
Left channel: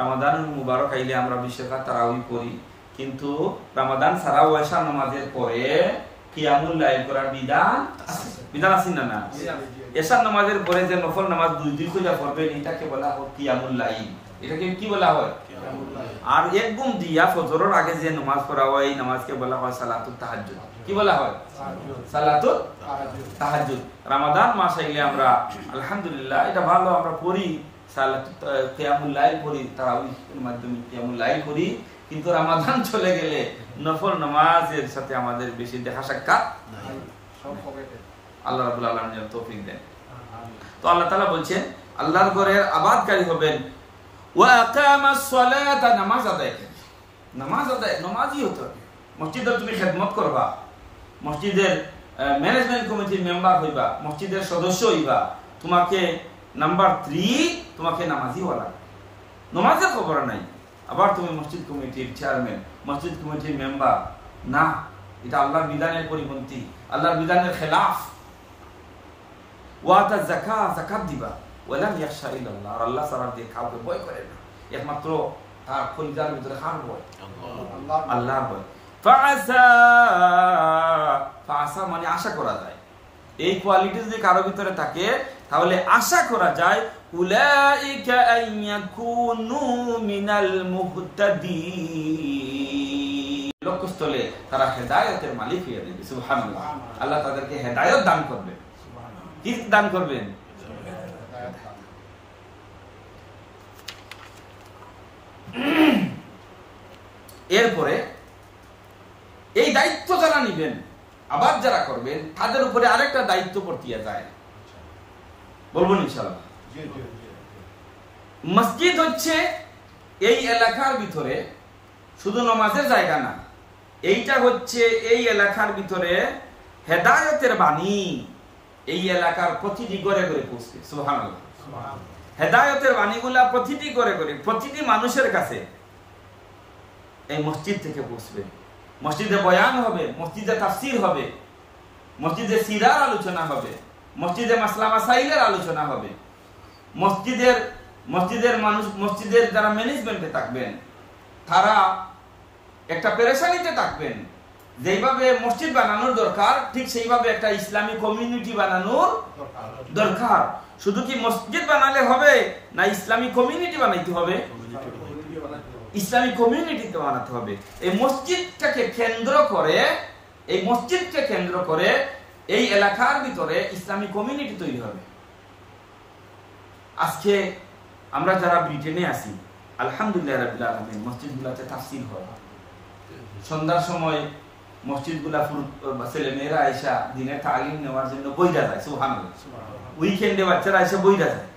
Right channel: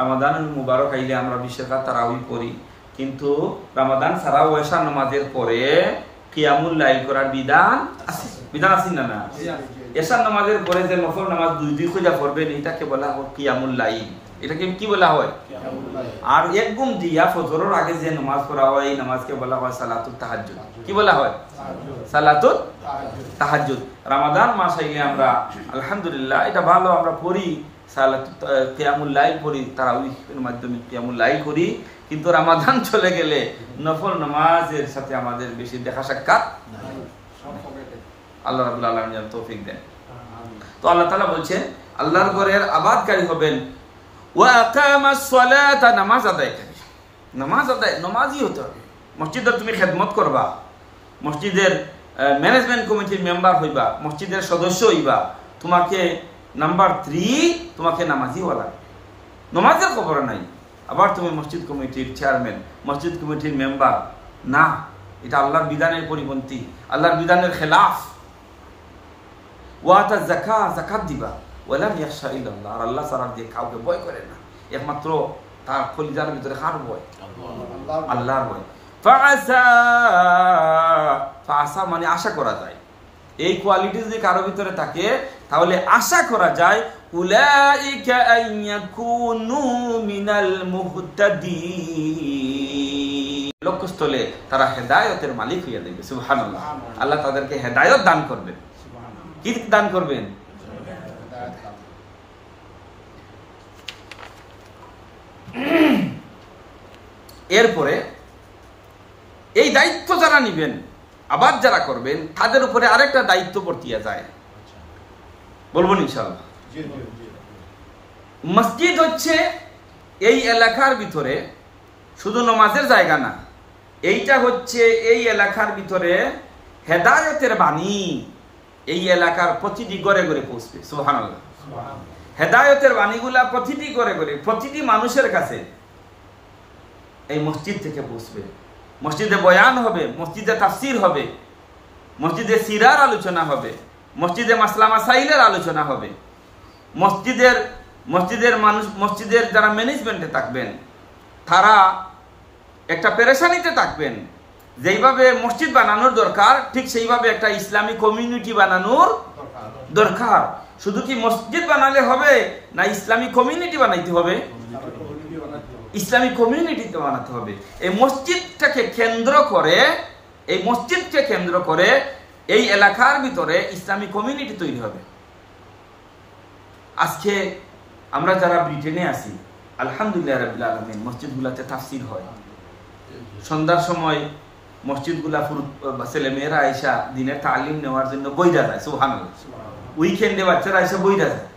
রমাদানুল মুবারক আইলে আমরা 20 রাকাত তারাউই পড়ি, কিন্তু রমাদান ছাড়াও এশার নামাজের পরে কিয়ামুল লাইল করার বিধান আছে না? না। এশার নামাজের পরে যে নফল নামাজ 2-2 খুঁজা পড়বেন এটাকে বলা হয় কিয়ামুল লাইল। এটাকে কি বলা হয়? আর এক ঘুম দিয়া ফজরের আগে যে নামাজ পড়া হয় এই নামাজকে বলা হয় সালাতুত তাহাজ্জুদ। কি বলা হয়? সালাতুত তাহাজ্জুদ। রমাদান মাস আইলে আমরা আলহামদুলিল্লাহ এটা ভালো আমরা পড়ি, সালাতুত কিয়ামুল লাইল পড়ি, তারাউহির মাধ্যমে কিয়ামুল লাইল করি, কিন্তু রমাদান চলে গেলে নফল নামাজের সাথে আমাদের বেশি দেখা সাক্ষাৎ নাই। আল্লাহ রাব্বুল আলামিন যেন তৌফিক দেন। তো আল্লাহ তাআলা বলছেন আল্লাহর ঘরের আবাদকারী হবেন, ওয়া আকামাস সালাতা, নামাজ আদায়কারী। নামাজ আদায় নামাজি হতে হবে। মসজিদে তুমি খেদমত করবা, মসজিদের ম্যানেজমেন্ট কমিটির মেম্বার হইবা, মসজিদের সদস্য হইবা, তোমাকে নাম্বার 3 তোমাকে নামাজি হওয়া লাগবে। নামাজের খবর নাই, আবার তুমি মসজিদ কমিটির চেয়ারম্যান, মসজিদ কমিটির মেম্বার না, এটা আল্লাহর বিধানের পরিপন্থী, আল্লাহর বিধানের খেলাফ। ওয়াতা যাকাত, যাকাত দিবা, ওয়ালাম ইয়াখশা ইল্লাল্লাহ, আর আল্লাহ ছাড়া দিয়ে কাউকে ভয় করে না, একমাত্র তার কলিজার ভিতরে কার ভয়? আল্লাহর ভয়। ফাআসা, ফাআসা মানে আশা করা যায়। এই কোয়ালিটি যদি কারো ভিতরে থাকে তাহলে আশা করা যায় উলাইকা আইয়াকুনু মিনাল মুহতাদিন, লক্ষ্যস্থলে তারা হেদায়েতের মালিক হইয়া যাবে। সুবহানাল্লাহ। আল্লাহ তাদেরকে হেদায়েত দান করবেন। কি দান করবেন? এরপরে এই দায়িত্ব যারা নিবেন, আবাদ যারা করবেন, তাদের উপরে আরেকটা দায়িত্ব বর্তিয়া যায়, বলবো ইনশাআল্লাহ। মসজিদ হচ্ছে এই এলাকার ভিতরে শুধু নামাজের জায়গা না, এইটা হচ্ছে এই এলাকার ভিতরে হেদায়েতের বাণী এই এলাকার প্রতিটি ঘরে ঘরে পৌঁছবে। সুবহানাল্লাহ। হেদায়েতের বাণীগুলা প্রতিটি ঘরে ঘরে প্রতিটি মানুষের কাছে এই মসজিদ থেকে পৌঁছবে। মসজিদে বয়ান হবে, মসজিদে তাফসির হবে, মসজিদে সিরার আলোচনা হবে, মসজিদে মাসলা মাসাইলের আলোচনা হবে। মসজিদের মানুষ, মসজিদের যারা ম্যানেজমেন্টে থাকবেন তারা একটা পেরেশানিতে থাকবেন। যেইভাবে মসজিদ বানানোর দরকার ঠিক সেইভাবে একটা ইসলামী কমিউনিটি বানানোর দরকার। শুধু কি মসজিদ বানালে হবে না ইসলামী কমিউনিটি বানাইতে হবে? ইসলামী কমিউনিটিতে বানাতে হবে। এই মসজিদটাকে কেন্দ্র করে, এই মসজিদকে কেন্দ্র করে এই এলাকার ভিতরে ইসলামী কমিউনিটি তৈরি হবে। আজকে আমরা যারা ব্রিটেনে আছি আলহামদুলিল্লাহ রাব্বিল আলামিন, মসজিদগুলাতে তাফসীর হয়। সন্ধ্যার সময় মসজিদগুলা ছেলে মেয়েরা আইসা দিনের তালিম নেওয়ার জন্য বইরা যায়। সুবহানাল্লাহ। উইকেন্ডে বাচ্চারা এসে বইরা যায়।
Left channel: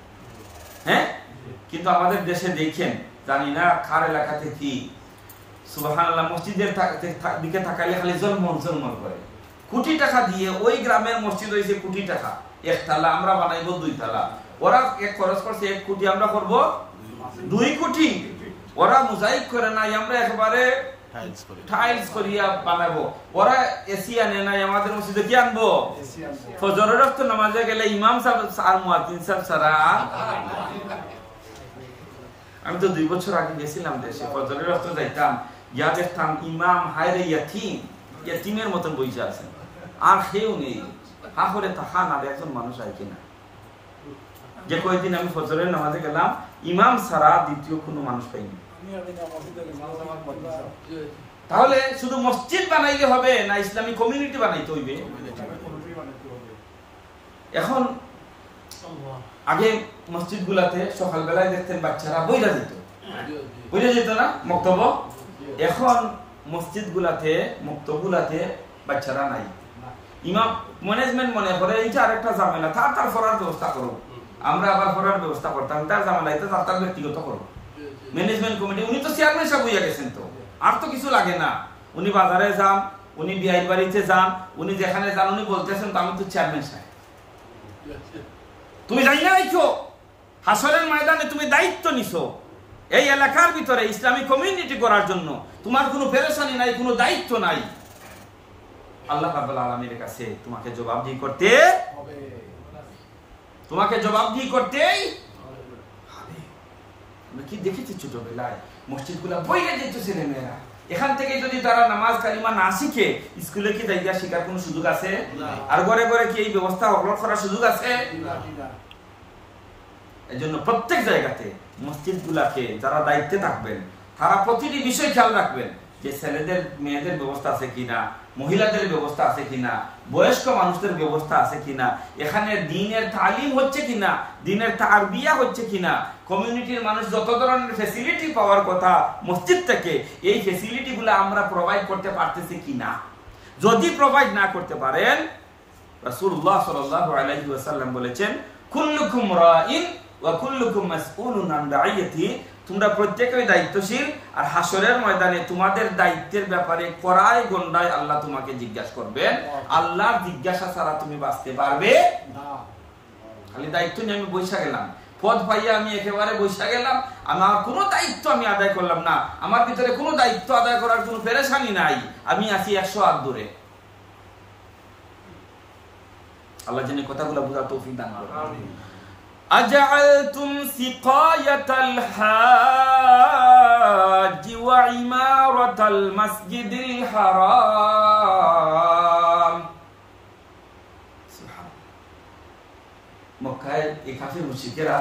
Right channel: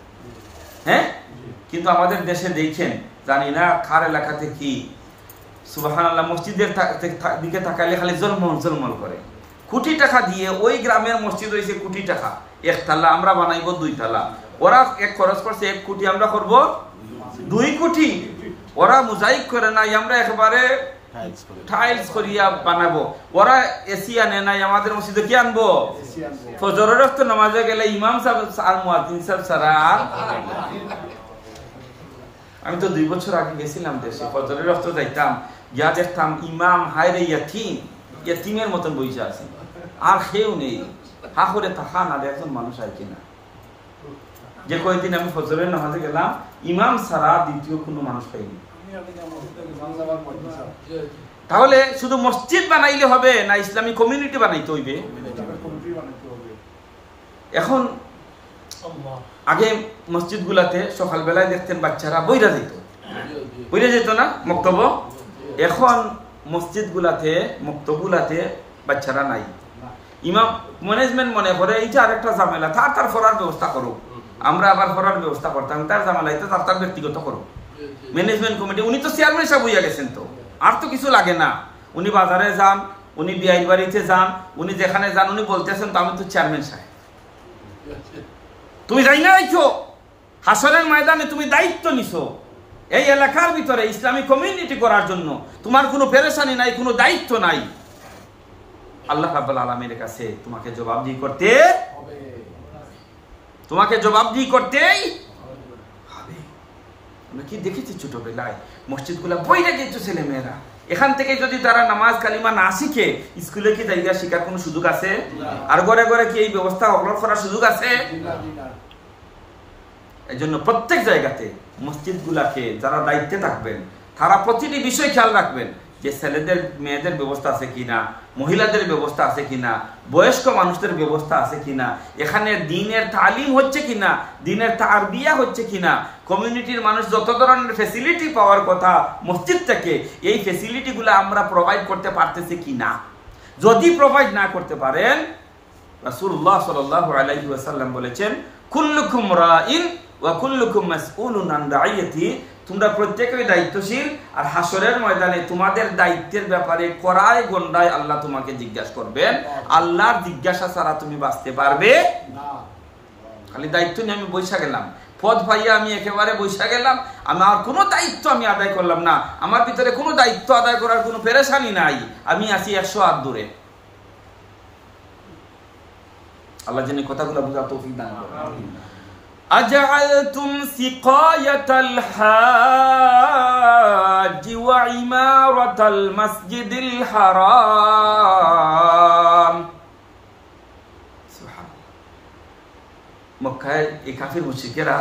হ্যাঁ, কিন্তু আমাদের দেশে দেখছেন, জানি না কার এলাকাতে কি, সুবহানাল্লাহ, মসজিদের দিকে তাকাইলে খালি জলমল জলমল করে। কোটি টাকা দিয়ে ওই গ্রামের মসজিদ হয়েছে কোটি টাকা, একতলা, আমরা বানাইব 2 তলা। ওরা এক খরচ করছে 1 কোটি, আমরা করব 2 কোটি। ওরা মোজাইক করে নাই, আমরা একেবারে টাইলস করিয়া বানাবো। ওরা এসি আনে নাই, আমাদের মসজিদে কি আনবো? ফজরের ওয়াক্ত নামাজে গেলে ইমাম সাহেব আর মুয়াজ্জিন সাহেব ছাড়া। আমি তো 2 বছর আগে গেছিলাম দেশে, ফজরের ওয়াক্ত যাইতাম, গিয়া দেখতাম ইমাম হায়রে ইয়াতিমের মতন বইসা আছেন, আর কেউ নেই। হা করে তাকান আর একজন মানুষ আয় কিনা। যে কয়েকদিন আমি ফজরের নামাজে গেলাম, ইমাম ছাড়া দ্বিতীয় কোনো মানুষ পাইনি। তাহলে শুধু মসজিদ বানাইলে হবে না, ইসলামী কমিউনিটি বানাইতে হইবে। এখন আগে মসজিদ গুলাতে সকালবেলায় দেখতেন বাচ্চারা বইরা যেত না মক্তব। এখন মসজিদ গুলাতে মক্তবগুলাতে বাচ্চারা নাই। ইমাম ম্যানেজমেন্ট মনে করে এইটা আরেকটা ঝামেলা, তার পড়ার ব্যবস্থা করুক, আমরা আবার পড়ার ব্যবস্থা করতাম, তার ঝামেলা এটা তার ব্যক্তিগত করুক। ম্যানেজমেন্ট কমিটি, উনি তো চেয়ারম্যান সাহেব হইয়া গেছেন, তো আর তো কিছু লাগে না। উনি বাজারে যান, উনি বিআই বাড়িতে যান, উনি যেখানে যান উনি বলতেছেন তো আমি তো চেয়ারম্যান সাহেব। তুমি যাই না আইছো হাসরের ময়দানে, তুমি দায়িত্ব নিছো এই এলাকার ভিতরে ইসলামী কমিউনিটি করার জন্য। তোমার কোনো পেরেশানি নাই, কোনো দায়িত্ব নাই। আল্লাহ রাব্বুল আলামিনের কাছে তোমাকে জবাবদিহি করতেই হবে। আমরা কি দেখেছি ছোটবেলায় মসজিদগুলা বইরে যেত ছেলে মেয়েরা, এখান থেকে যদি তারা নামাজ কালিমা না শিখে স্কুলে কি জায়গা শিখার কোনো সুযোগ আছে? আর ঘরে ঘরে কি এই ব্যবস্থা অগ্রহণ করার সুযোগ আছে? এই জন্য প্রত্যেক জায়গাতে মসজিদগুলাকে যারা দায়িত্বে থাকবেন তারা প্রতিটি বিষয় খেয়াল রাখবেন যে ছেলেদের মেয়েদের ব্যবস্থা আছে কিনা, মহিলাদের ব্যবস্থা আছে কিনা, বয়স্ক মানুষদের ব্যবস্থা আছে কিনা, এখানে দ্বীনের তালিম হচ্ছে কিনা, দ্বীনের তারবিয়া হচ্ছে কিনা, কমিউনিটির মানুষ যত ধরনের ফ্যাসিলিটি পাওয়ার কথা মসজিদ থেকে, এই ফ্যাসিলিটিগুলো আমরা প্রোভাইড করতে পারতেছি কিনা। যদি প্রোভাইড না করতে পারেন, রাসূলুল্লাহ সাল্লাল্লাহু আলাইহি ওয়াসাল্লাম বলেছেন, কুল্লুকুম রাইন ওয়া কুল্লুকুম মাসউলুন আন রাইয়াতি, তোমরা প্রত্যেকেই দায়িত্বশীল, আর হাসরের ময়দানে তোমাদের দায়িত্বের ব্যাপারে কড়ায় গন্ডায় আল্লাহ তোমাকে জিজ্ঞাসা করবেন। আল্লাহর জিজ্ঞাসা ছাড়া তুমি বাঁচতে পারবে না। খালি দায়িত্ব নিয়ে আমি বৈশা গেলাম, পদ পাইয়া আমি একেবারে বৈশা গেলাম, আমার কোনো দায়িত্ব আমি আদায় করলাম না, আমার ভিতরে কোনো দায়িত্ব আদায় করার কোনো পেরেশানি নাই, আমি আছি 100 হাত দূরে। আল্লাহ যেন কথাগুলো বোঝার তৌফিক দান করেন। أجعلتم سقاية الحاج وعمارة المسجد الحرام। سبحان الله। মক্কায় এই কাফির মুশরিকেরা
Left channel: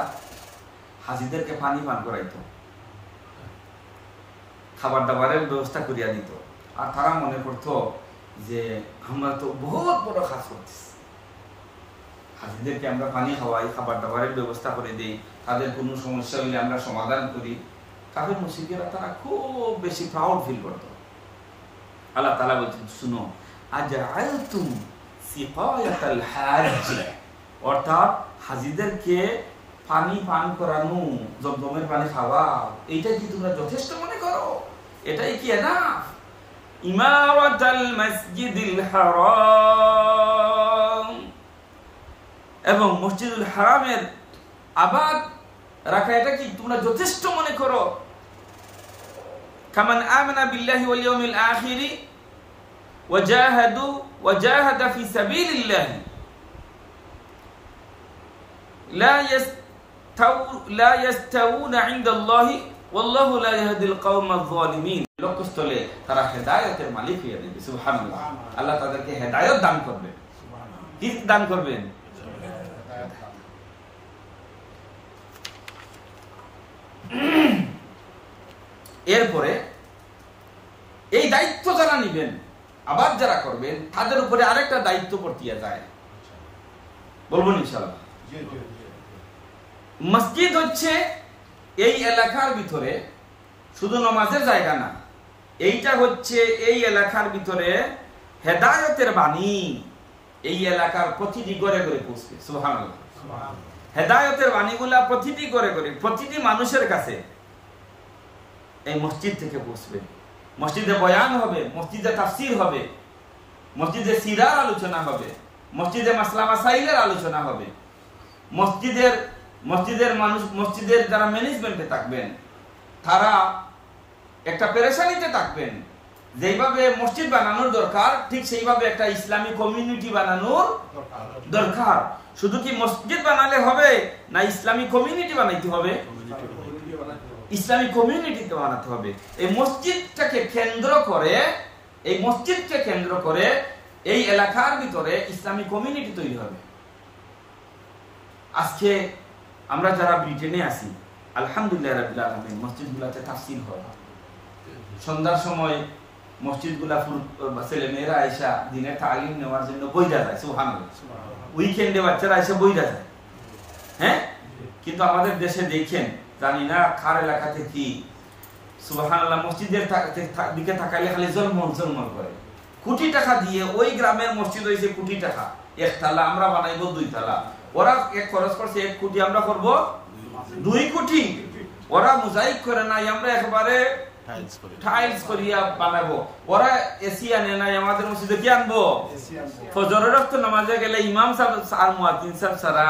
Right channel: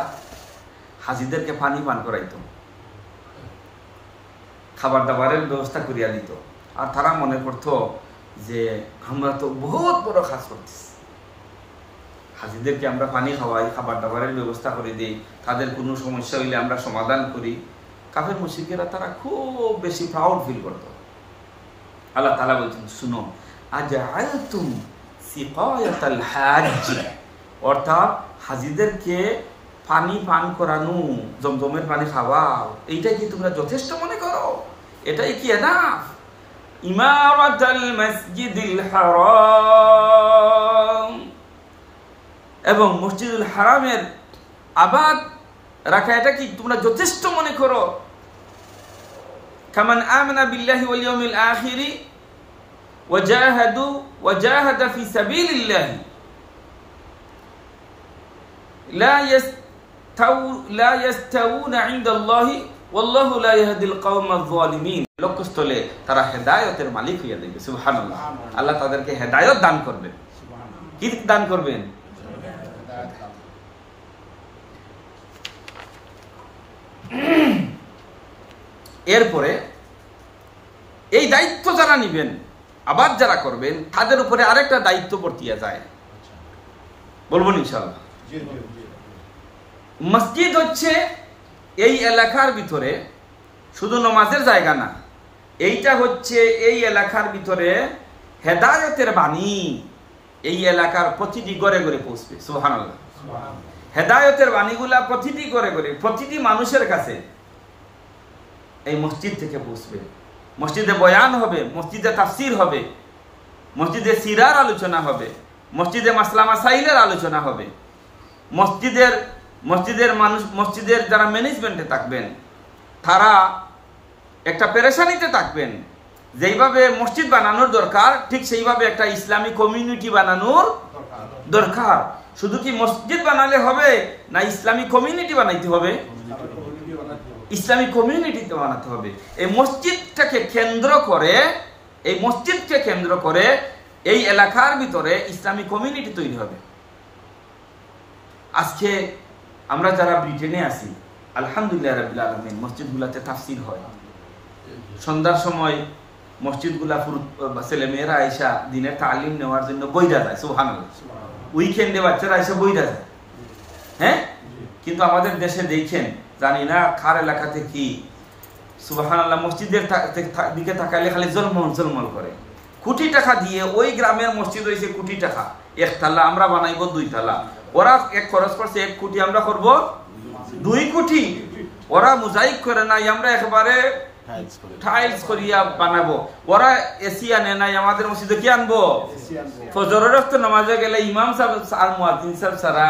হাজিদেরকে পানি পান করাইতো, খাবার দাবারের ব্যবস্থা করিয়া দিত, আর তারা মনে করতো যে আমরা তো বহুত বড় কাজ করতেছি, হাজিদেরকে আমরা পানি খাওয়াই, খাবার দাবারের ব্যবস্থা করে দিই, তাদের কোনো সমস্যা হইলে আমরা সমাধান করি। কাফের মুশরিকেরা তারা খুব বেশি প্রাউড ফিল করত। আল্লাহ তাআলা বলছেন, শুনো, আজআলতুম সিকায়াতাল হাজ, অর্থাৎ হাজিদেরকে পানি পান করানো, জমজমের পানি খাওয়াও, এইটাই কি তোমরা যথেষ্ট মনে করো? এটাই কি এনাফ? ইমারাতাল মসজিদিল হারাম, এবং মসজিদুল হারামের আবাদ রাখা, এটা কি তোমরা যথেষ্ট মনে করো? কামান আমানা বিল্লাহি ওয়াল ইয়াউমিল আখিরি ওয়াজাহাদা ফি সাবিলিল্লাহি লা ইয়াস্তাউনা ইনদাল্লাহি ওয়াল্লাহু লা ইয়াহদিল কওমায যালিমিন। লক্ষ্যস্থলে তারা হেদায়েতের মালিক হইয়া যাবে। সুবহানাল্লাহ। আল্লাহ তাদেরকে হেদায়েত দান করবেন। কি দান করবেন? এরপরে এই দায়িত্ব যারা নিবেন, আবার যারা করবেন, তাদের উপরে আরেকটা দায়িত্ব বর্তিয়া যায়, বলবো ইনশাআল্লাহ। মসজিদ হচ্ছে এই এলাকার ভিতরে শুধু নামাজের জায়গা না, এইটা হচ্ছে এই এলাকার ভিতরে হেদায়েতের বাণী এই এলাকার প্রতিটি ঘরে ঘরে পৌঁছবে। সুবহানাল্লাহ। হেদায়েতের বাণীগুলা প্রতিটি ঘরে ঘরে, প্রতিটি মানুষের কাছে এই মসজিদ থেকে পৌঁছবে। মসজিদে বয়ান হবে, মসজিদে তাফসির হবে, মসজিদে সিরার আলোচনা হবে, মসজিদে মাসলা মাসাইলের আলোচনা হবে। মসজিদের যারা ম্যানেজমেন্টে থাকবেন তারা একটা পেরেশানিতে থাকবেন। যেইভাবে মসজিদ বানানোর দরকার ঠিক সেইভাবে একটা ইসলামী কমিউনিটি বানানোর দরকার। শুধু কি মসজিদ বানালে হবে না ইসলামী কমিউনিটি বানাইতে হবে? ইসলামী কমিউনিটিতে বানাতে হবে। এই মসজিদকে কেন্দ্র করে এই এলাকার ভিতরে ইসলামী কমিউনিটি তৈরি হবে। আজকে আমরা যারা ব্রিটেনে আছি, আলহামদুলিল্লাহ রাব্বিল আলামিন, মসজিদগুলাতে তাফসীর হয়। সন্ধ্যার সময় মসজিদগুলা ছেলে মেয়েরা আইসা দিনের তালিম নেওয়ার জন্য বইরা যায়, সুবহানাল্লাহ। উইকেন্ডে বাচ্চারা এসে বইরা যায়। হ্যাঁ, কিন্তু আমাদের দেশে দেখেন, জানি না কার এলাকাতে কি, সুবহানাল্লাহ, মসজিদের দিকে তাকাইলে খালি জলমল করে। কোটি টাকা দিয়ে ওই গ্রামের মসজিদ হয়েছে কোটি টাকা, একতলা, আমরা বানাইবো 2 তলা। ওরা এক খরচ করছে 1 কোটি, আমরা করব 2 কোটি। ওরা মোজাইক করে নাই, আমরা একবারে টাইলস করিয়া বানাবো। ওরা এসি আনে নাই, আমাদের মসজিদে কি আনবো? ফজরের ওয়াক্ত নামাজে গেলে ইমাম সাহেব আর মুয়াজ্জিন সাহেব ছাড়া।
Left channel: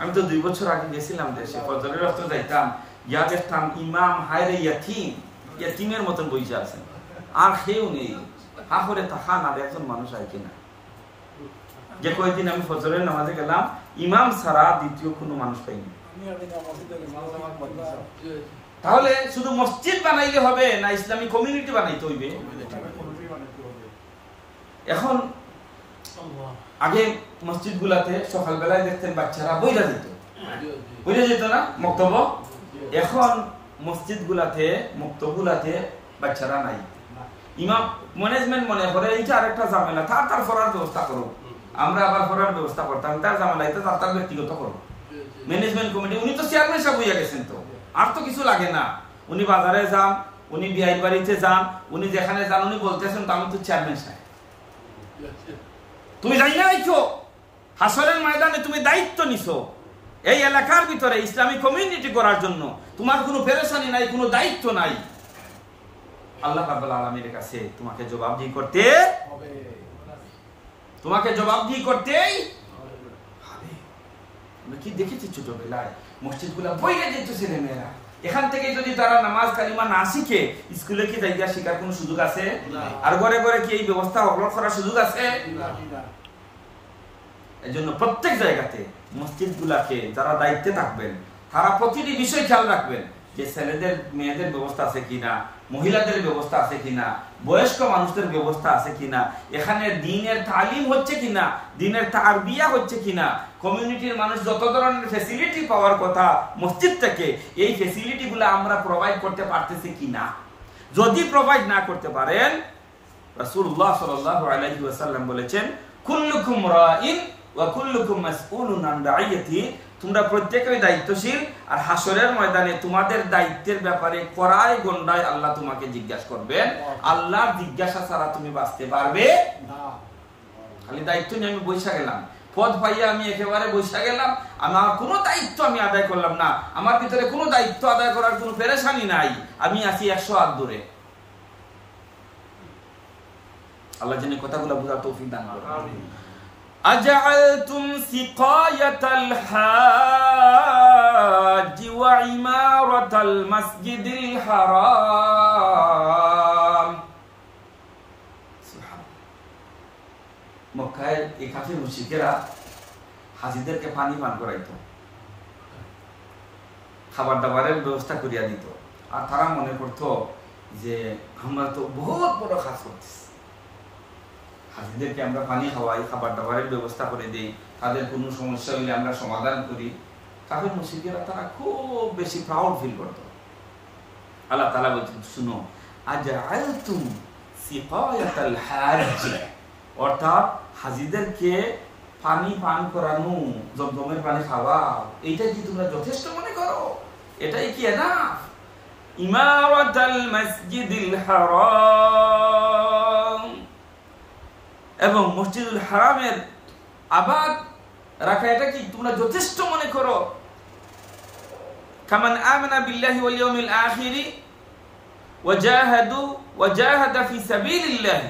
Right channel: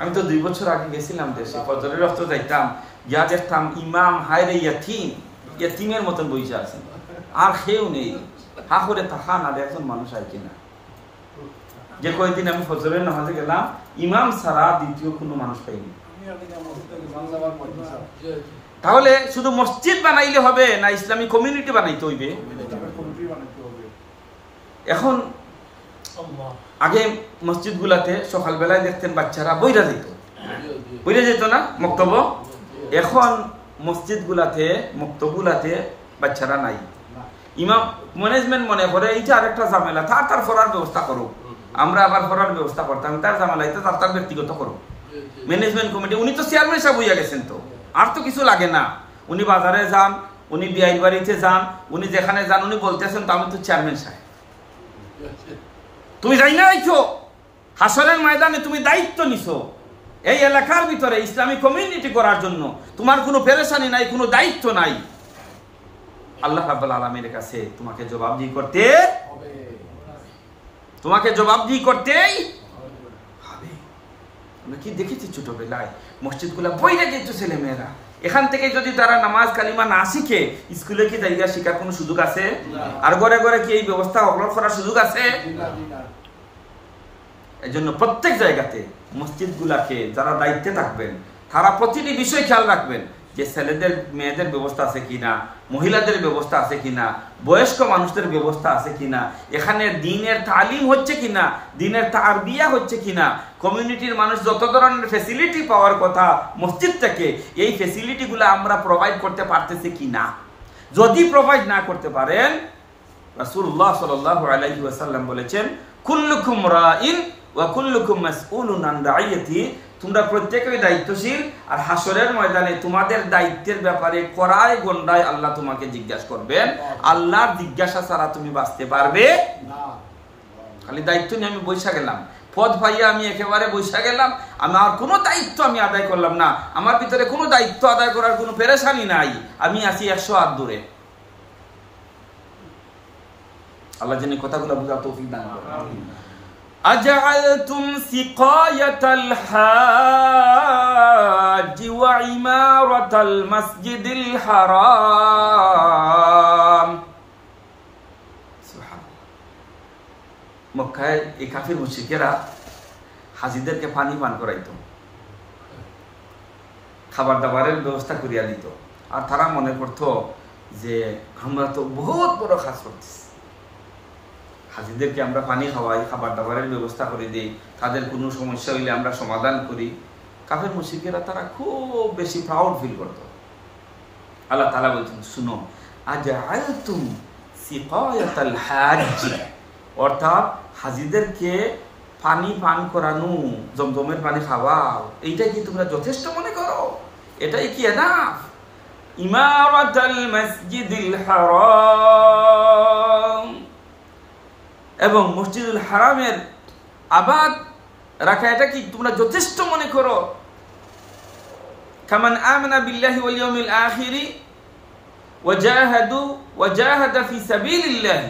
আমি তো 2 বছর আগে গেছিলাম দেশে, ফজরের ওয়াক্ত যাইতাম, গিয়া দেখতাম ইমাম হায়রে ইয়াতিমের মতন বইসা আছেন, আর কেউ নেই। হা করে তাকান আর একজন মানুষ আয় কিনা। যে কয়েকদিন আমি ফজরের নামাজে গেলাম, ইমাম ছাড়া দ্বিতীয় কোনো মানুষ পাইনি। তাহলে শুধু মসজিদ বানাইলে হবে না ইসলামী কমিউনিটি বানাইতে হইবে? এখন আগে মসজিদ গুলাতে সকালবেলায় দেখতেন বাচ্চারা বইরা যেত না মক্তব। এখন মসজিদ গুলাতে মক্তবগুলাতে বাচ্চারা নাই। ইমাম ম্যানেজমেন্ট মনে করে এইটা আরেকটা ঝামেলা, তার পড়ার ব্যবস্থা করুক। আমরা আবার পড়ার ব্যবস্থা করতাম, তার ঝামেলা এটা তার ব্যক্তিগত করুক। ম্যানেজমেন্ট কমিটি, উনি তো চেয়ারম্যান সাহেব হইয়া গেছেন, তো আর তো কিছু লাগে না। উনি বাজারে যান, উনি বিআইন বাড়িতে যান, উনি যেখানে যান উনি বলতেছেন তো আমি তো চেয়ারম্যান সাহেব। তুমি যাই না আইছো হাসরের ময়দানে, তুমি দায়িত্ব নিছো এই এলাকার ভিতরে ইসলামী কমিউনিটি করার জন্য। তোমার কোনো পেরেশানি নাই, কোনো দায়িত্ব নাই। আল্লাহ রাব্বুল আলামিনের কাছে তোমাকে জবাবদিহি করতেই হবে। আমরা কি দেখেছি ছোটবেলায় মসজিদগুলা বইরা যেত ছেলে মেয়েরা, এখান থেকে যদি তারা নামাজ কালিমা না শিখে স্কুলে কি জায়গা শিখার কোনো সুযোগ আছে? আর ঘরে ঘরে কি এই ব্যবস্থা অগ্রহণ করার সুযোগ আছে? এই জন্য প্রত্যেক জায়গাতে মসজিদগুলাকে যারা দায়িত্বে থাকবেন তারা প্রতিটি বিষয় খেয়াল রাখবেন যে ছেলেদের মেয়েদের ব্যবস্থা আছে কিনা, মহিলাদের ব্যবস্থা আছে কিনা, বয়স্ক মানুষদের ব্যবস্থা আছে কিনা, এখানে দ্বীনের তালিম হচ্ছে কিনা, দ্বীনের তারবিয়া হচ্ছে কিনা, কমিউনিটির মানুষ যত ধরনের ফ্যাসিলিটি পাওয়ার কথা মসজিদ থেকে এই ফ্যাসিলিটিগুলো আমরা প্রোভাইড করতে পারতেছি কিনা। যদি প্রোভাইড না করতে পারেন, রাসূলুল্লাহ সাল্লাল্লাহু আলাইহি ওয়াসাল্লাম বলেছেন, কুল্লুকুম রাইন ওয়া কুল্লুকুম মাসউলুন আন রাইয়াতি, তোমরা প্রত্যেকেই দায়িত্বশীল, আর হাসরের ময়দানে তোমাদের দায়িত্বের ব্যাপারে কড়াই গন্ডায় আল্লাহ তোমাকে জিজ্ঞাসা করবেন। আল্লাহর জিজ্ঞাসা ছাড়া তুমি বাঁচতে পারবে না। খালি দায়িত্ব নিয়ে আমি বৈশা গেলাম, পদ পাইয়া আমি একেবারে বৈশা গেলাম, আমার কোনো দায়িত্ব আমি আদায় করলাম না, আমার ভিতরে কোনো দায়িত্ব আদায় করার কোনো পেরেশানি নাই, আমি আছি 100 হাত দূরে। আল্লাহ যেন কথাগুলো বোঝার তৌফিক দান করেন। أجعلتم سقاية الحاج وعمارة المسجد الحرام। سبحان الله। মক্কায় এই কাফির মুশরিকেরা হাজিদেরকে পানি পান করাইতো, খাবার দাবারের ব্যবস্থা করিয়া দিত, আর তারা মনে করতো যে আমরা তো বহুত বড় কাজ করতেছি, হাজিদেরকে আমরা পানি খাওয়াই, খাবার দাবারের ব্যবস্থা করে দিই, তাদের কোনো সমস্যা হইলে আমরা সমাধান করি। কাফের মুশরিকেরা তারা খুব বেশি প্রাউড ফিল করত। আল্লাহ তাআলা বলছেন, শুনো, আজআলতুম সিকায়াতাল হাজ, অর্থাৎ হাজিদেরকে পানি পান করানো, জমজমের পানি খাওয়াও, এইটাই কি তোমরা যথেষ্ট মনে করো? এটাই কি এনাফ? ইমারাতাল মসজিদিল হারাম, এবং মসজিদুল হারামের আবাদ রাখা, এটা কি তোমরা যথেষ্ট মনে করো? কামান আমানা বিল্লাহি ওয়াল ইয়াউমিল আখিরি وجاهد في سبيل الله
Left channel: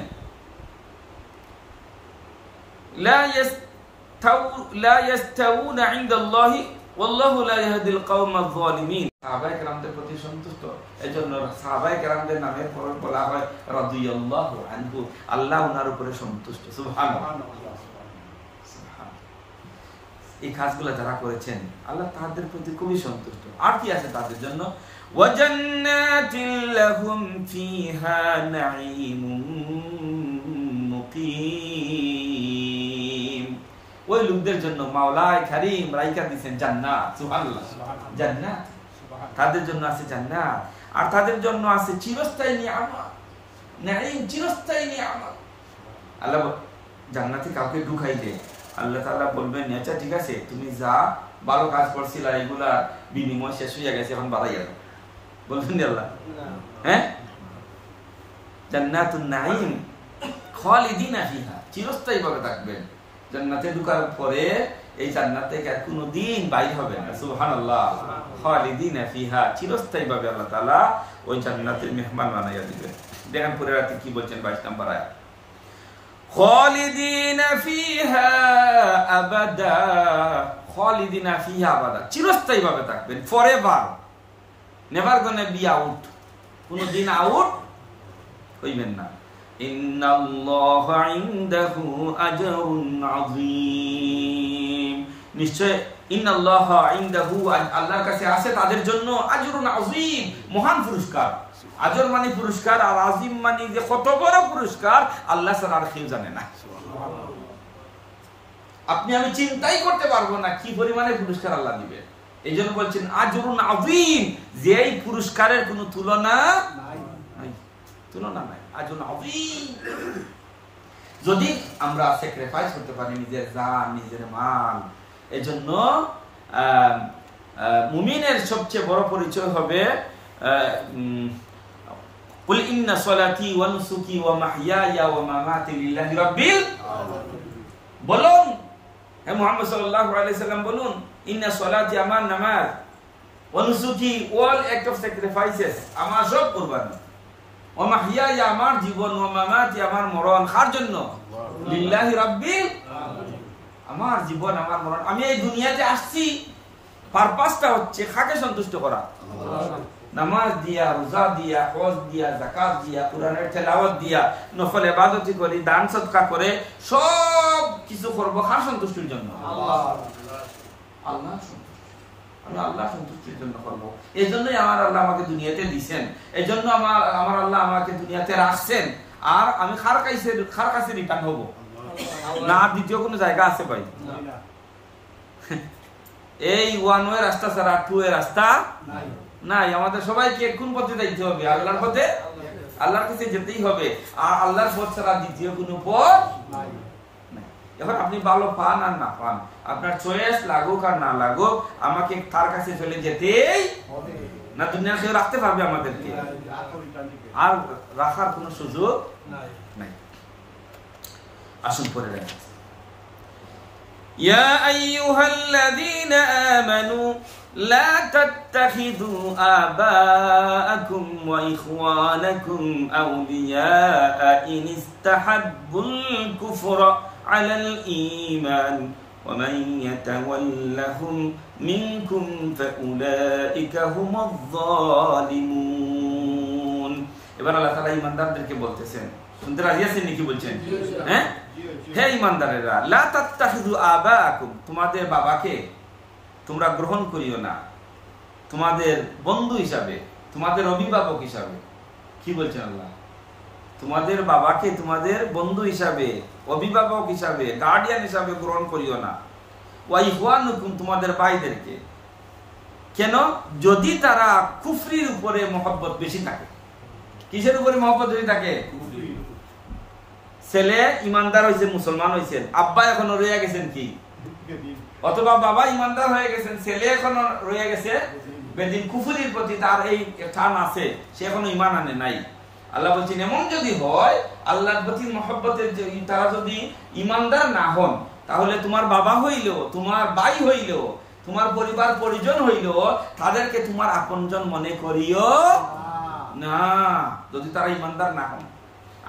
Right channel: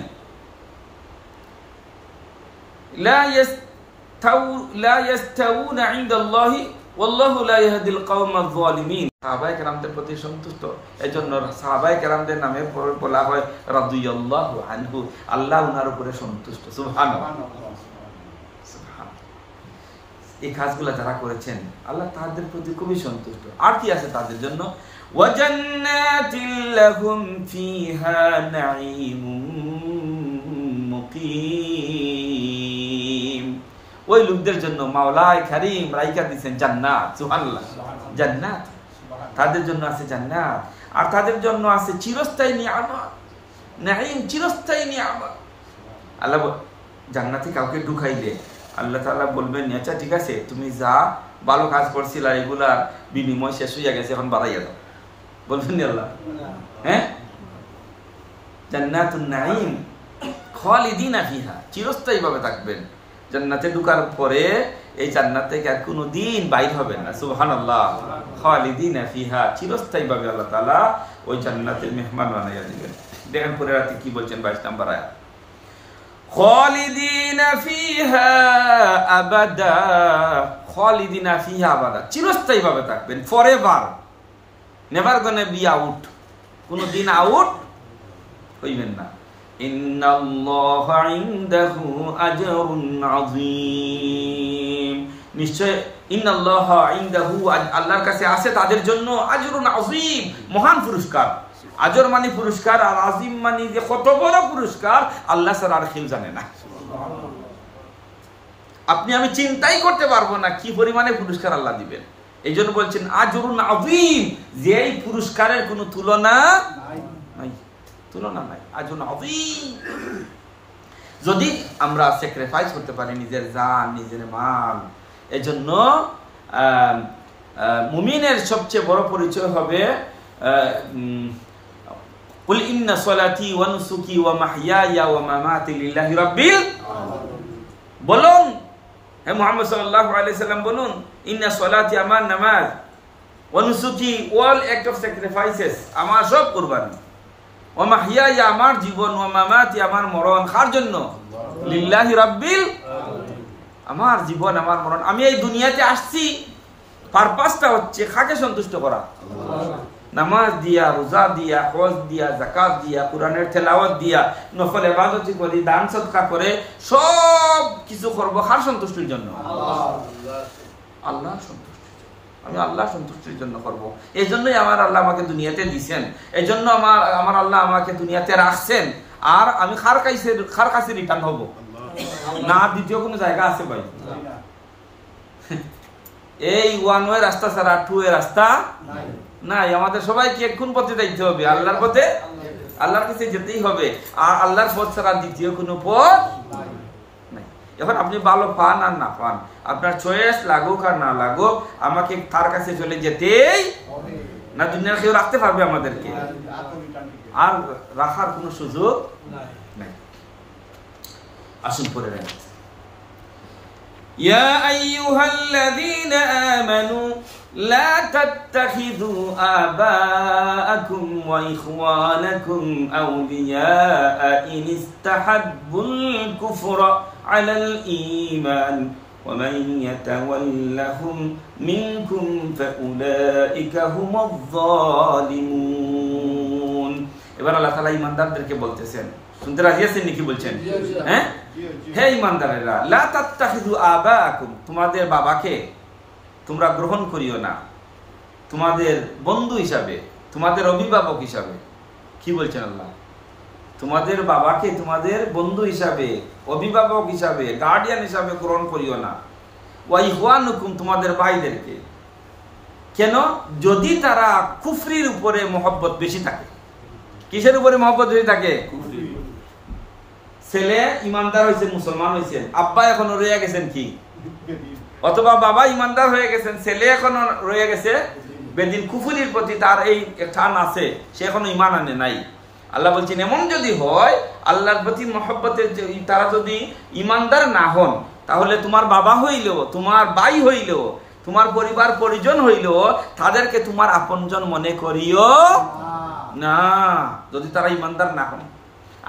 لا يستوون عند الله والله لا يهدي القوم الظالمين। সাহাবায়ে কেরামদের প্রতি সন্তুষ্ট, এজন্য সাহাবায়ে কেরামদের নামে বলা হয় রাদিয়াল্লাহু আনহু, আল্লাহ উনার উপরে সন্তুষ্ট। সুবহানাল্লাহ। এই কাজগুলো যারা করেছেন আল্লাহ তাদের প্রতি খুবই সন্তুষ্ট। আর কি আছে তাদের জন্য? ওয়াজান্নাতিল লাহুম ফিহা নাঈমুম মুকিম। ওই লোকদের জন্য মাওলায়ে কারীম রাইখা দিবেন জান্নাত। সুবহানাল্লাহ। জান্নাত, তাদের জন্য আছে জান্নাত, আর তাদের জন্য আছে চিরস্থায়ী নিয়ামত, নাঈম, চিরস্থায়ী নিয়ামত। আল্লাহ জান্নাতে কাউকে ঢুকাইলে আল্লাহ তাআলা বলবেন, আচ্ছা ঠিক আছে, তুমি যা ভালো কাজ করছিল আর এগুলার বিনিময় শেষ হয়ে গেছে, এখন বাড়াইয়া দাও, বলবেন না আল্লাহ? হ্যাঁ, জান্নাতুন নাঈম খালিদিনা ফিহা, চিরস্থায়ী ভাবে থাকবেন জান্নাতে। ঢোকার পরে এই জান্নাত থেকে আর কোনোদিন বাইর হবেন না। সুবহানাল্লাহ। খালিদিনা ফিহা, চিরস্থায়ী ভাবে আল্লাহ তাআলা ওই জান্নাতের মেহমান বানাইয়া দিবেন। দেখেন পরের রাতে কি বলছেন, 22 নম্বর আয়াত, খালিদিনা ফিহা আবাদা, খালিদিনা ফিহা আবাদা, চিরস্থায়ী ভাবে থাকবেন, forever, never gonna be out, কোনদিন আউট হইবেন না। ইন্নাল্লাহা ইনদাহু আজরুন আযীম, নিশ্চয় ইন্নাল্লাহা ইনদাহু, আল্লাহর কাছে আছে তাদের জন্য আজরুন আযীম, মহান পুরস্কার। আজর মানে পুরস্কার, আর আজিম মানে যে কত বড় পুরস্কার আল্লাহ ছাড়া আর কেউ জানে না। আপনি আমি চিন্তাই করতে পারবো না কি পরিমাণে পুরস্কার আল্লাহ দিবেন। এই জন্য বলছেন আজরুন আযীম, যে এই পুরস্কারের কোনো তুলনা নাই, তুলনা নাই, আজরুন আযীম। যদি আমরা স্যাক্রিফাইস করতে পারি নিজের জান, নিজের মাল, এজন্য মুমিনের সবচেয়ে বড় পরিচয় হবে কুল ইন্না সলাতি ওয়া নুসুকি ওয়া মাহইয়ায়া ওয়া মামাতি লিল্লাহি রাব্বিল আলামিন। বলুন হে মুহাম্মদ সাল্লাল্লাহু আলাইহি সাল্লাম, বলুন ইন্না সলাতি, আমার নামাজ, ওয়া নুসুকি, অল অ্যাক্ট অফ স্যাক্রিফাইসেস, আমার সব কুরবানি, ওয়া মাহইয়ায়া, আমার জীবন, ওয়া মামাতি, আমার মরণ, কার জন্য? লিল্লাহি রাব্বিল আলামিন। আমার জীবন, আমার মরণ, আমি এই দুনিয়াতে আসছি, পারপাসটা হচ্ছে কাকে সন্তুষ্ট করা? আল্লাহ। নামাজ দিয়া, রোজা দিয়া, হজ দিয়া, যাকাত দিয়া, কোরআনের তেলাওয়াত দিয়া, নফল ইবাদত করি, দান সদকা করে, সব কিছু করব কার সন্তুষ্টির জন্য? আল্লাহর সন্তুষ্টি। আমি আল্লাহর সন্তুষ্টির জন্য করব। এই জন্যই আমার আল্লাহ আমাকে দুনিয়াতে দিয়েছেন, এই জন্য আমার আল্লাহ আমাকে দুনিয়াতে রাখছেন। আর আমি কার কাছে রিটার্ন হব না, দ্বিতীয় কোনো জায়গা আছে ভাই? এই ওয়ান ওয়ে রাস্তা ছাড়া টু ওয়ে রাস্তা নাই। আমাদের সবাইকে কোন পথে যাইতে হবে? আল্লাহর পথে, আল্লাহর কাছে যেতেই হবে। আর আল্লাহর পথ ছাড়া দ্বিতীয় কোনো পথ নাই। এখন আপনি ভালো পান আর না পান, আপনার চয়েস লাগুক আর না লাগুক, আমাকে তার কাছে চলে যেতেই না। দুনিয়ার কেউ রাখতে পারবে আমাদেরকে? আর রাখার কোনো সুযোগ নাই। আসুন পরে রাখি। ইয়া আইয়ুহাল্লাযীনা আমানু لا تتخذوا آباءكم وإخوانكم أولياء إن استحبوا الكفر على الإيمان ومن يتولهم منكم فأولئك هم الظالمون। এবার আল্লাহ তাআলা ঈমানদারদেরকে বলতেছেন, শুনতে রাজি আছেন নাকি? বলছেন হ্যাঁ, হে ঈমানদারেরা, লা তাত্তাখিযু আবাআকুম, তোমাদের বাবাকে তোমরা গ্রহণ করিও না তোমাদের বন্ধু হিসাবে, তোমাদের অভিভাবক হিসাবে। কি বলছেন আল্লাহ? তোমাদের বাবাকে তোমাদের বন্ধু হিসাবে, অভিভাবক হিসাবে, গার্ডিয়ান হিসাবে গ্রহণ করিও না। ওয়া ইখওয়ানুকুম, তোমাদের ভাইদেরকে। কেন? যদি তারা কুফরির উপরে মহব্বত বেশি থাকে। কিসের উপরে মহব্বত বেশি থাকে? ছেলে ইমানদার হয়েছেন, মুসলমান হয়েছেন, আব্বা এখনো রয়ে গেছেন কি, অথবা বাবা ইমানদার হয়ে গেছেন, ছেলে এখনো রয়ে গেছে বেদিন, কুফরির প্রতি তার এই টান আছে, সে এখনো ইমান আনে নাই। আল্লাহ বলছেন এমন যদি হয়, আল্লাহর প্রতি মহব্বতের তারা যদি ইমানদার না হন, তাহলে তোমার বাবা হইলেও, তোমার ভাই হইলেও, তোমার পরিবার পরিজন হইলেও তাদেরকে তোমার আপনজন মনে করিও না, যদি তারা ইমানদার না হন।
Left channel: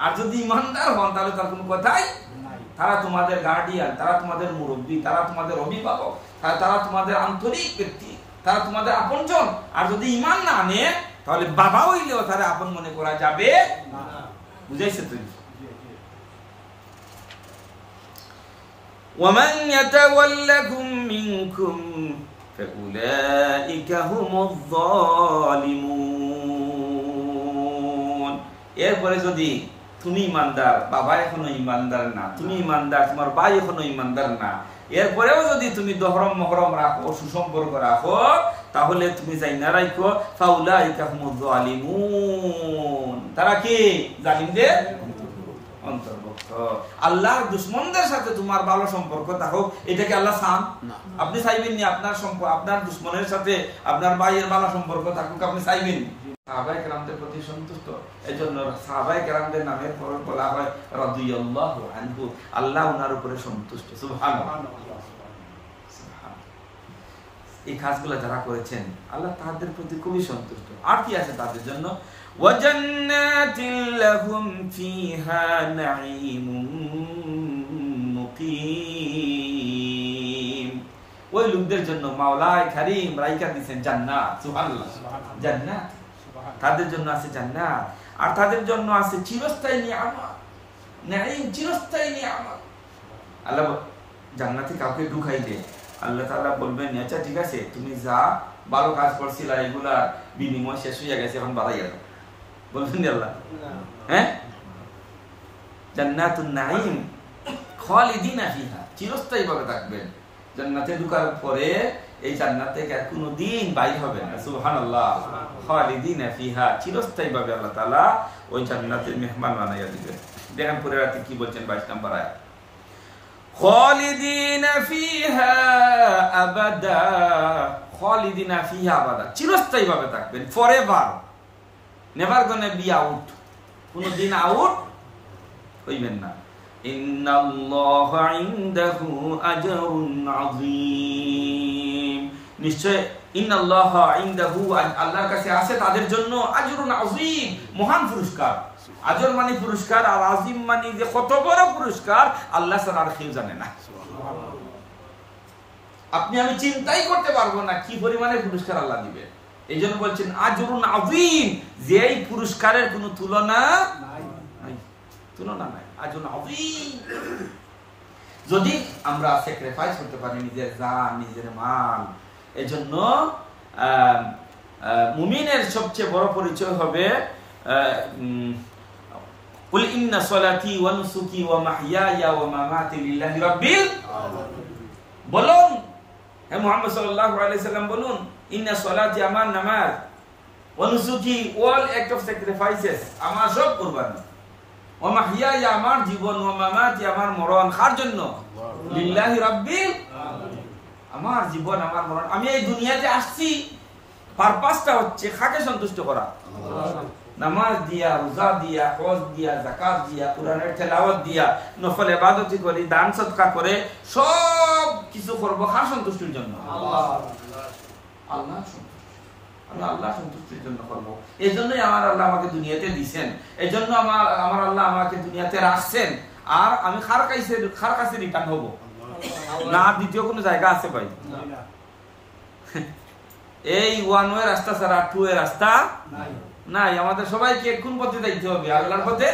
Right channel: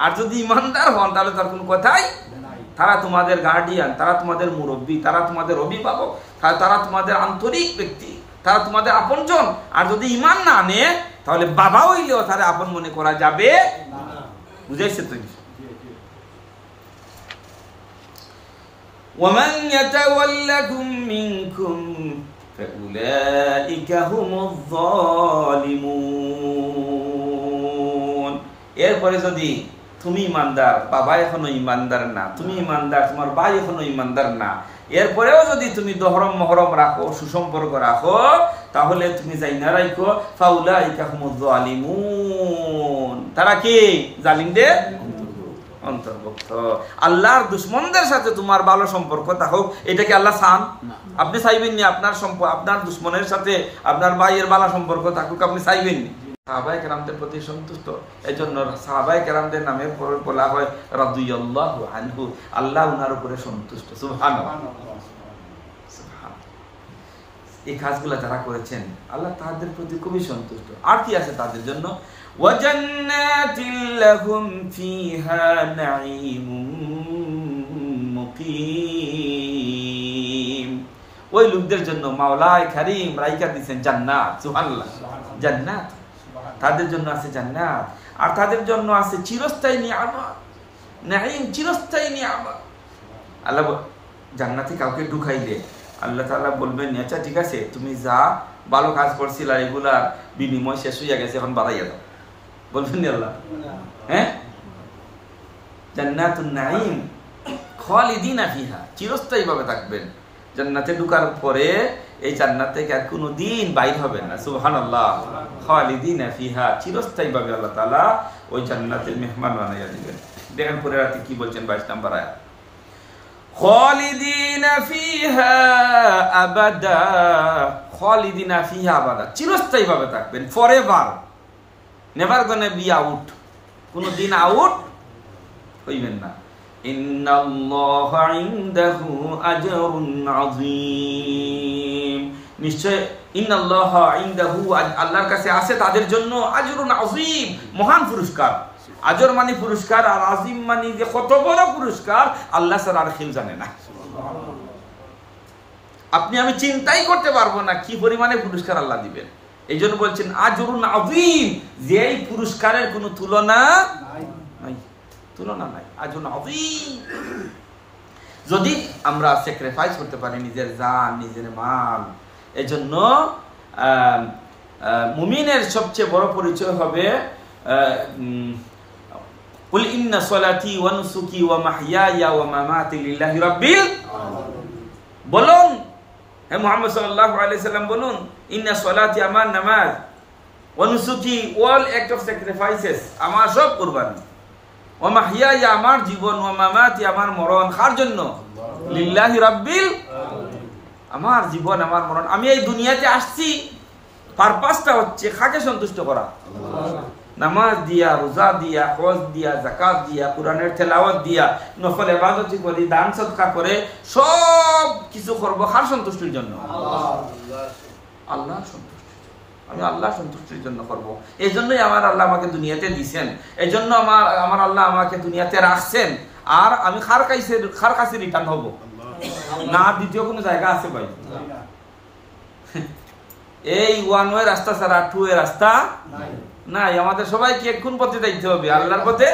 আর যদি ইমানদার হন তাহলে তার কোনো কথাই, তারা তোমাদের গার্ডিয়ান, তারা তোমাদের মুরব্বী, তারা তোমাদের অভিভাবক, তারা তোমাদের আন্তরিক ব্যক্তি, তারা তোমাদের আপনজন। আর যদি ইমান না আনে তাহলে বাবা হইলেও তারা আপন মনে করা যাবে না। বুঝাইছে তুমি? وَمَنْ يَتَوَلَّكُمْ مِنْكُمْ فَأُولَئِكَ هُمُ الظَّالِمُونَ। এরপরে যদি তুমি ইমানদার, বাবা এখনো ইমানদার না, তুমি ইমানদার, তোমার ভাই এখনো ইমানদার না, এরপরেও যদি তুমি দহরম মহরম রাখো, সুসম্পর্ক রাখো, তাহলে তুমি যাই না রাখো ফাউলাইকা হুমুয যালিমুন, তারা কি? জালিমদের অন্তর্ভুক্ত। আল্লাহর দুশমনদের সাথে তোমার ভালো সম্পর্ক থাকুক, এটা কি আল্লাহ চান? আপনি চাইবেন নি আপনার আপনার দুশমনের সাথে আপনার ভাইয়ের ভালো সম্পর্ক থাকুক? আপনি চাইবেন নি? সাহাবায়ে কেরামদের প্রতি সন্তুষ্ট, এজন্য সাহাবায়ে কেরামদের নামে বলা হয় রাদিয়াল্লাহু আনহু, আল্লাহ উনার উপরে সন্তুষ্ট। সুবহানাল্লাহ, সুবহানাল্লাহ। এই কাজগুলো যারা করেছেন আল্লাহ তাদের প্রতি খুবই সন্তুষ্ট। আর কি আছে তাদের জন্য? ওয়াজান্নাতিল লাহুম ফিহা নাঈমুম মুকিম। ওই লোকদের জন্য মাওলাই কারীম রাইখা দিবেন জান্নাত। সুবহানাল্লাহ, জান্নাত, তাদের জন্য আছে জান্নাত, আর তাদের জন্য আছে চিরস্থায়ী নিয়ামত, নাঈম, চিরস্থায়ী নিয়ামত। আল্লাহ জান্নাতে কাউকে ঢুকাইলে আল্লাহ তাআলা বলবেন, আচ্ছা ঠিক আছে, তুমি যা ভালো কাজ করছিলা এগুলার বিনিময় শেষ হয়ে গেছে, এখন বাড়াইয়া দাও। বলবেন না আল্লাহ? হ্যাঁ, জান্নাতুন নাঈম খালিদিনা ফিহা, চিরস্থায়ী ভাবে থাকবেন। জান্নাতে ঢোকার পরে এই জান্নাত থেকে আর কোনোদিন বাইর হবেন না। সুবহানাল্লাহ, খালিদিনা ফিহা, চিরস্থায়ী ভাবে আল্লাহ তাআলা ওই জান্নাতের মেহমান বানাইয়া দিবেন। দেখেন পরের রাতে কি বলছেন, 22 নম্বর আয়াত, খালিদিনা ফিহা আবাদা, খালিদিনা ফিহা আবাদা, চিরস্থায়ী ভাবে থাকবেন, forever, never gonna be out, কোনদিন আউট হইবেন না। ইন্নাল্লাহা ইনদাহু আজরুন আযীম, নিশ্চয় ইন্নাল্লাহা ইনদাহু, আল্লাহর কাছে আছে তাদের জন্য আজরুন আযীম, মহান পুরস্কার। আজর মানে পুরস্কার, আর আযীম মানে যে কত বড় পুরস্কার আল্লাহ ছাড়া আর কেউ জানে না। আপনি আমি চিন্তাই করতে পারবো না কি পরিমাণে পুরস্কার আল্লাহ দিবেন। এই জন্য বলছেন আজরুন আযীম, যে এই পুরস্কারের কোনো তুলনা নাই, তুলনা নাই, আজরুন আযীম। যদি আমরা স্যাক্রিফাইস করতে পারি নিজের জান, নিজের মাল, এজন্য মুমিনের সবচেয়ে বড় পরিচয় হবে কুল ইন্না সলাতি ওয়া নুসুকি ওয়া মাহইয়ায়া ওয়া মামাতি লিল্লাহি রাব্বিল আলামিন। বলুন হে মুহাম্মদ সাল্লাল্লাহু আলাইহি সাল্লাম, বলুন ইন্না সলাতি, আমার নামাজ, ওয়া নুসুকি, অল অ্যাক্ট অফ স্যাক্রিফাইসেস, আমার সব কুরবানি, ওয়া মাহইয়ায়া, আমার জীবন, ওয়া মামাতি, আমার মরণ, কার জন্য? লিল্লাহি রাব্বিল আলামিন। আমার জীবন, আমার মরণ, আমি এই দুনিয়াতে আসছি, পারপাসটা হচ্ছে কাকে সন্তুষ্ট করা? আল্লাহ। নামাজ দিয়া, রোজা দিয়া, হজ দিয়া, যাকাত দিয়া, কোরআনের তেলাওয়াত দিয়া, নফল ইবাদত করি, দান সদকা করে সব কিছু করব কার সন্তুষ্টির জন্য? আল্লাহর সন্তুষ্টি। আমি আল্লাহর সন্তুষ্টির জন্য করব। এই জন্যই আমার আল্লাহ আমাকে দুনিয়াতে দিয়েছেন, এই জন্য আমার আল্লাহ আমাকে দুনিয়াতে রাখছেন। আর আমি কার কাছে রিটার্ন হব না? দ্বিতীয় কোনো জায়গা আছে ভাই? এই ওয়ান ওয়ে রাস্তা ছাড়া টু ওয়ে রাস্তা নাই। আমাদের সবাইকে কোন পথে যাইতে হবে? আল্লাহর পথে,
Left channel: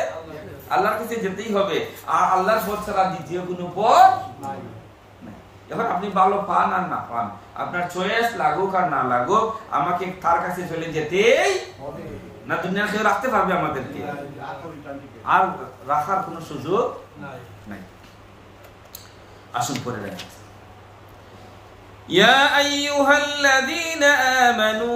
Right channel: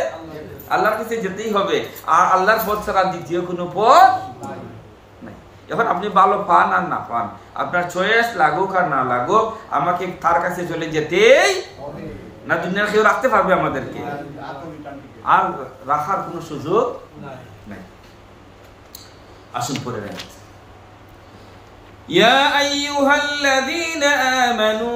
আল্লাহর কাছে যেতেই হবে। আর আল্লাহর পথ ছাড়া দ্বিতীয় কোনো পথ নাই। এখন আপনি ভালো পান আর না পান, আপনার চয়েস লাগুক আর না লাগুক, আমাকে তার কাছে চলে যেতেই না। দুনিয়ার কেউ রাখতে পারবে আমাদেরকে? আর রাখার কোনো সুযোগ নাই। আসুন পরে রাখতে। ইয়া আইয়ুহাল্লাযীনা আমানু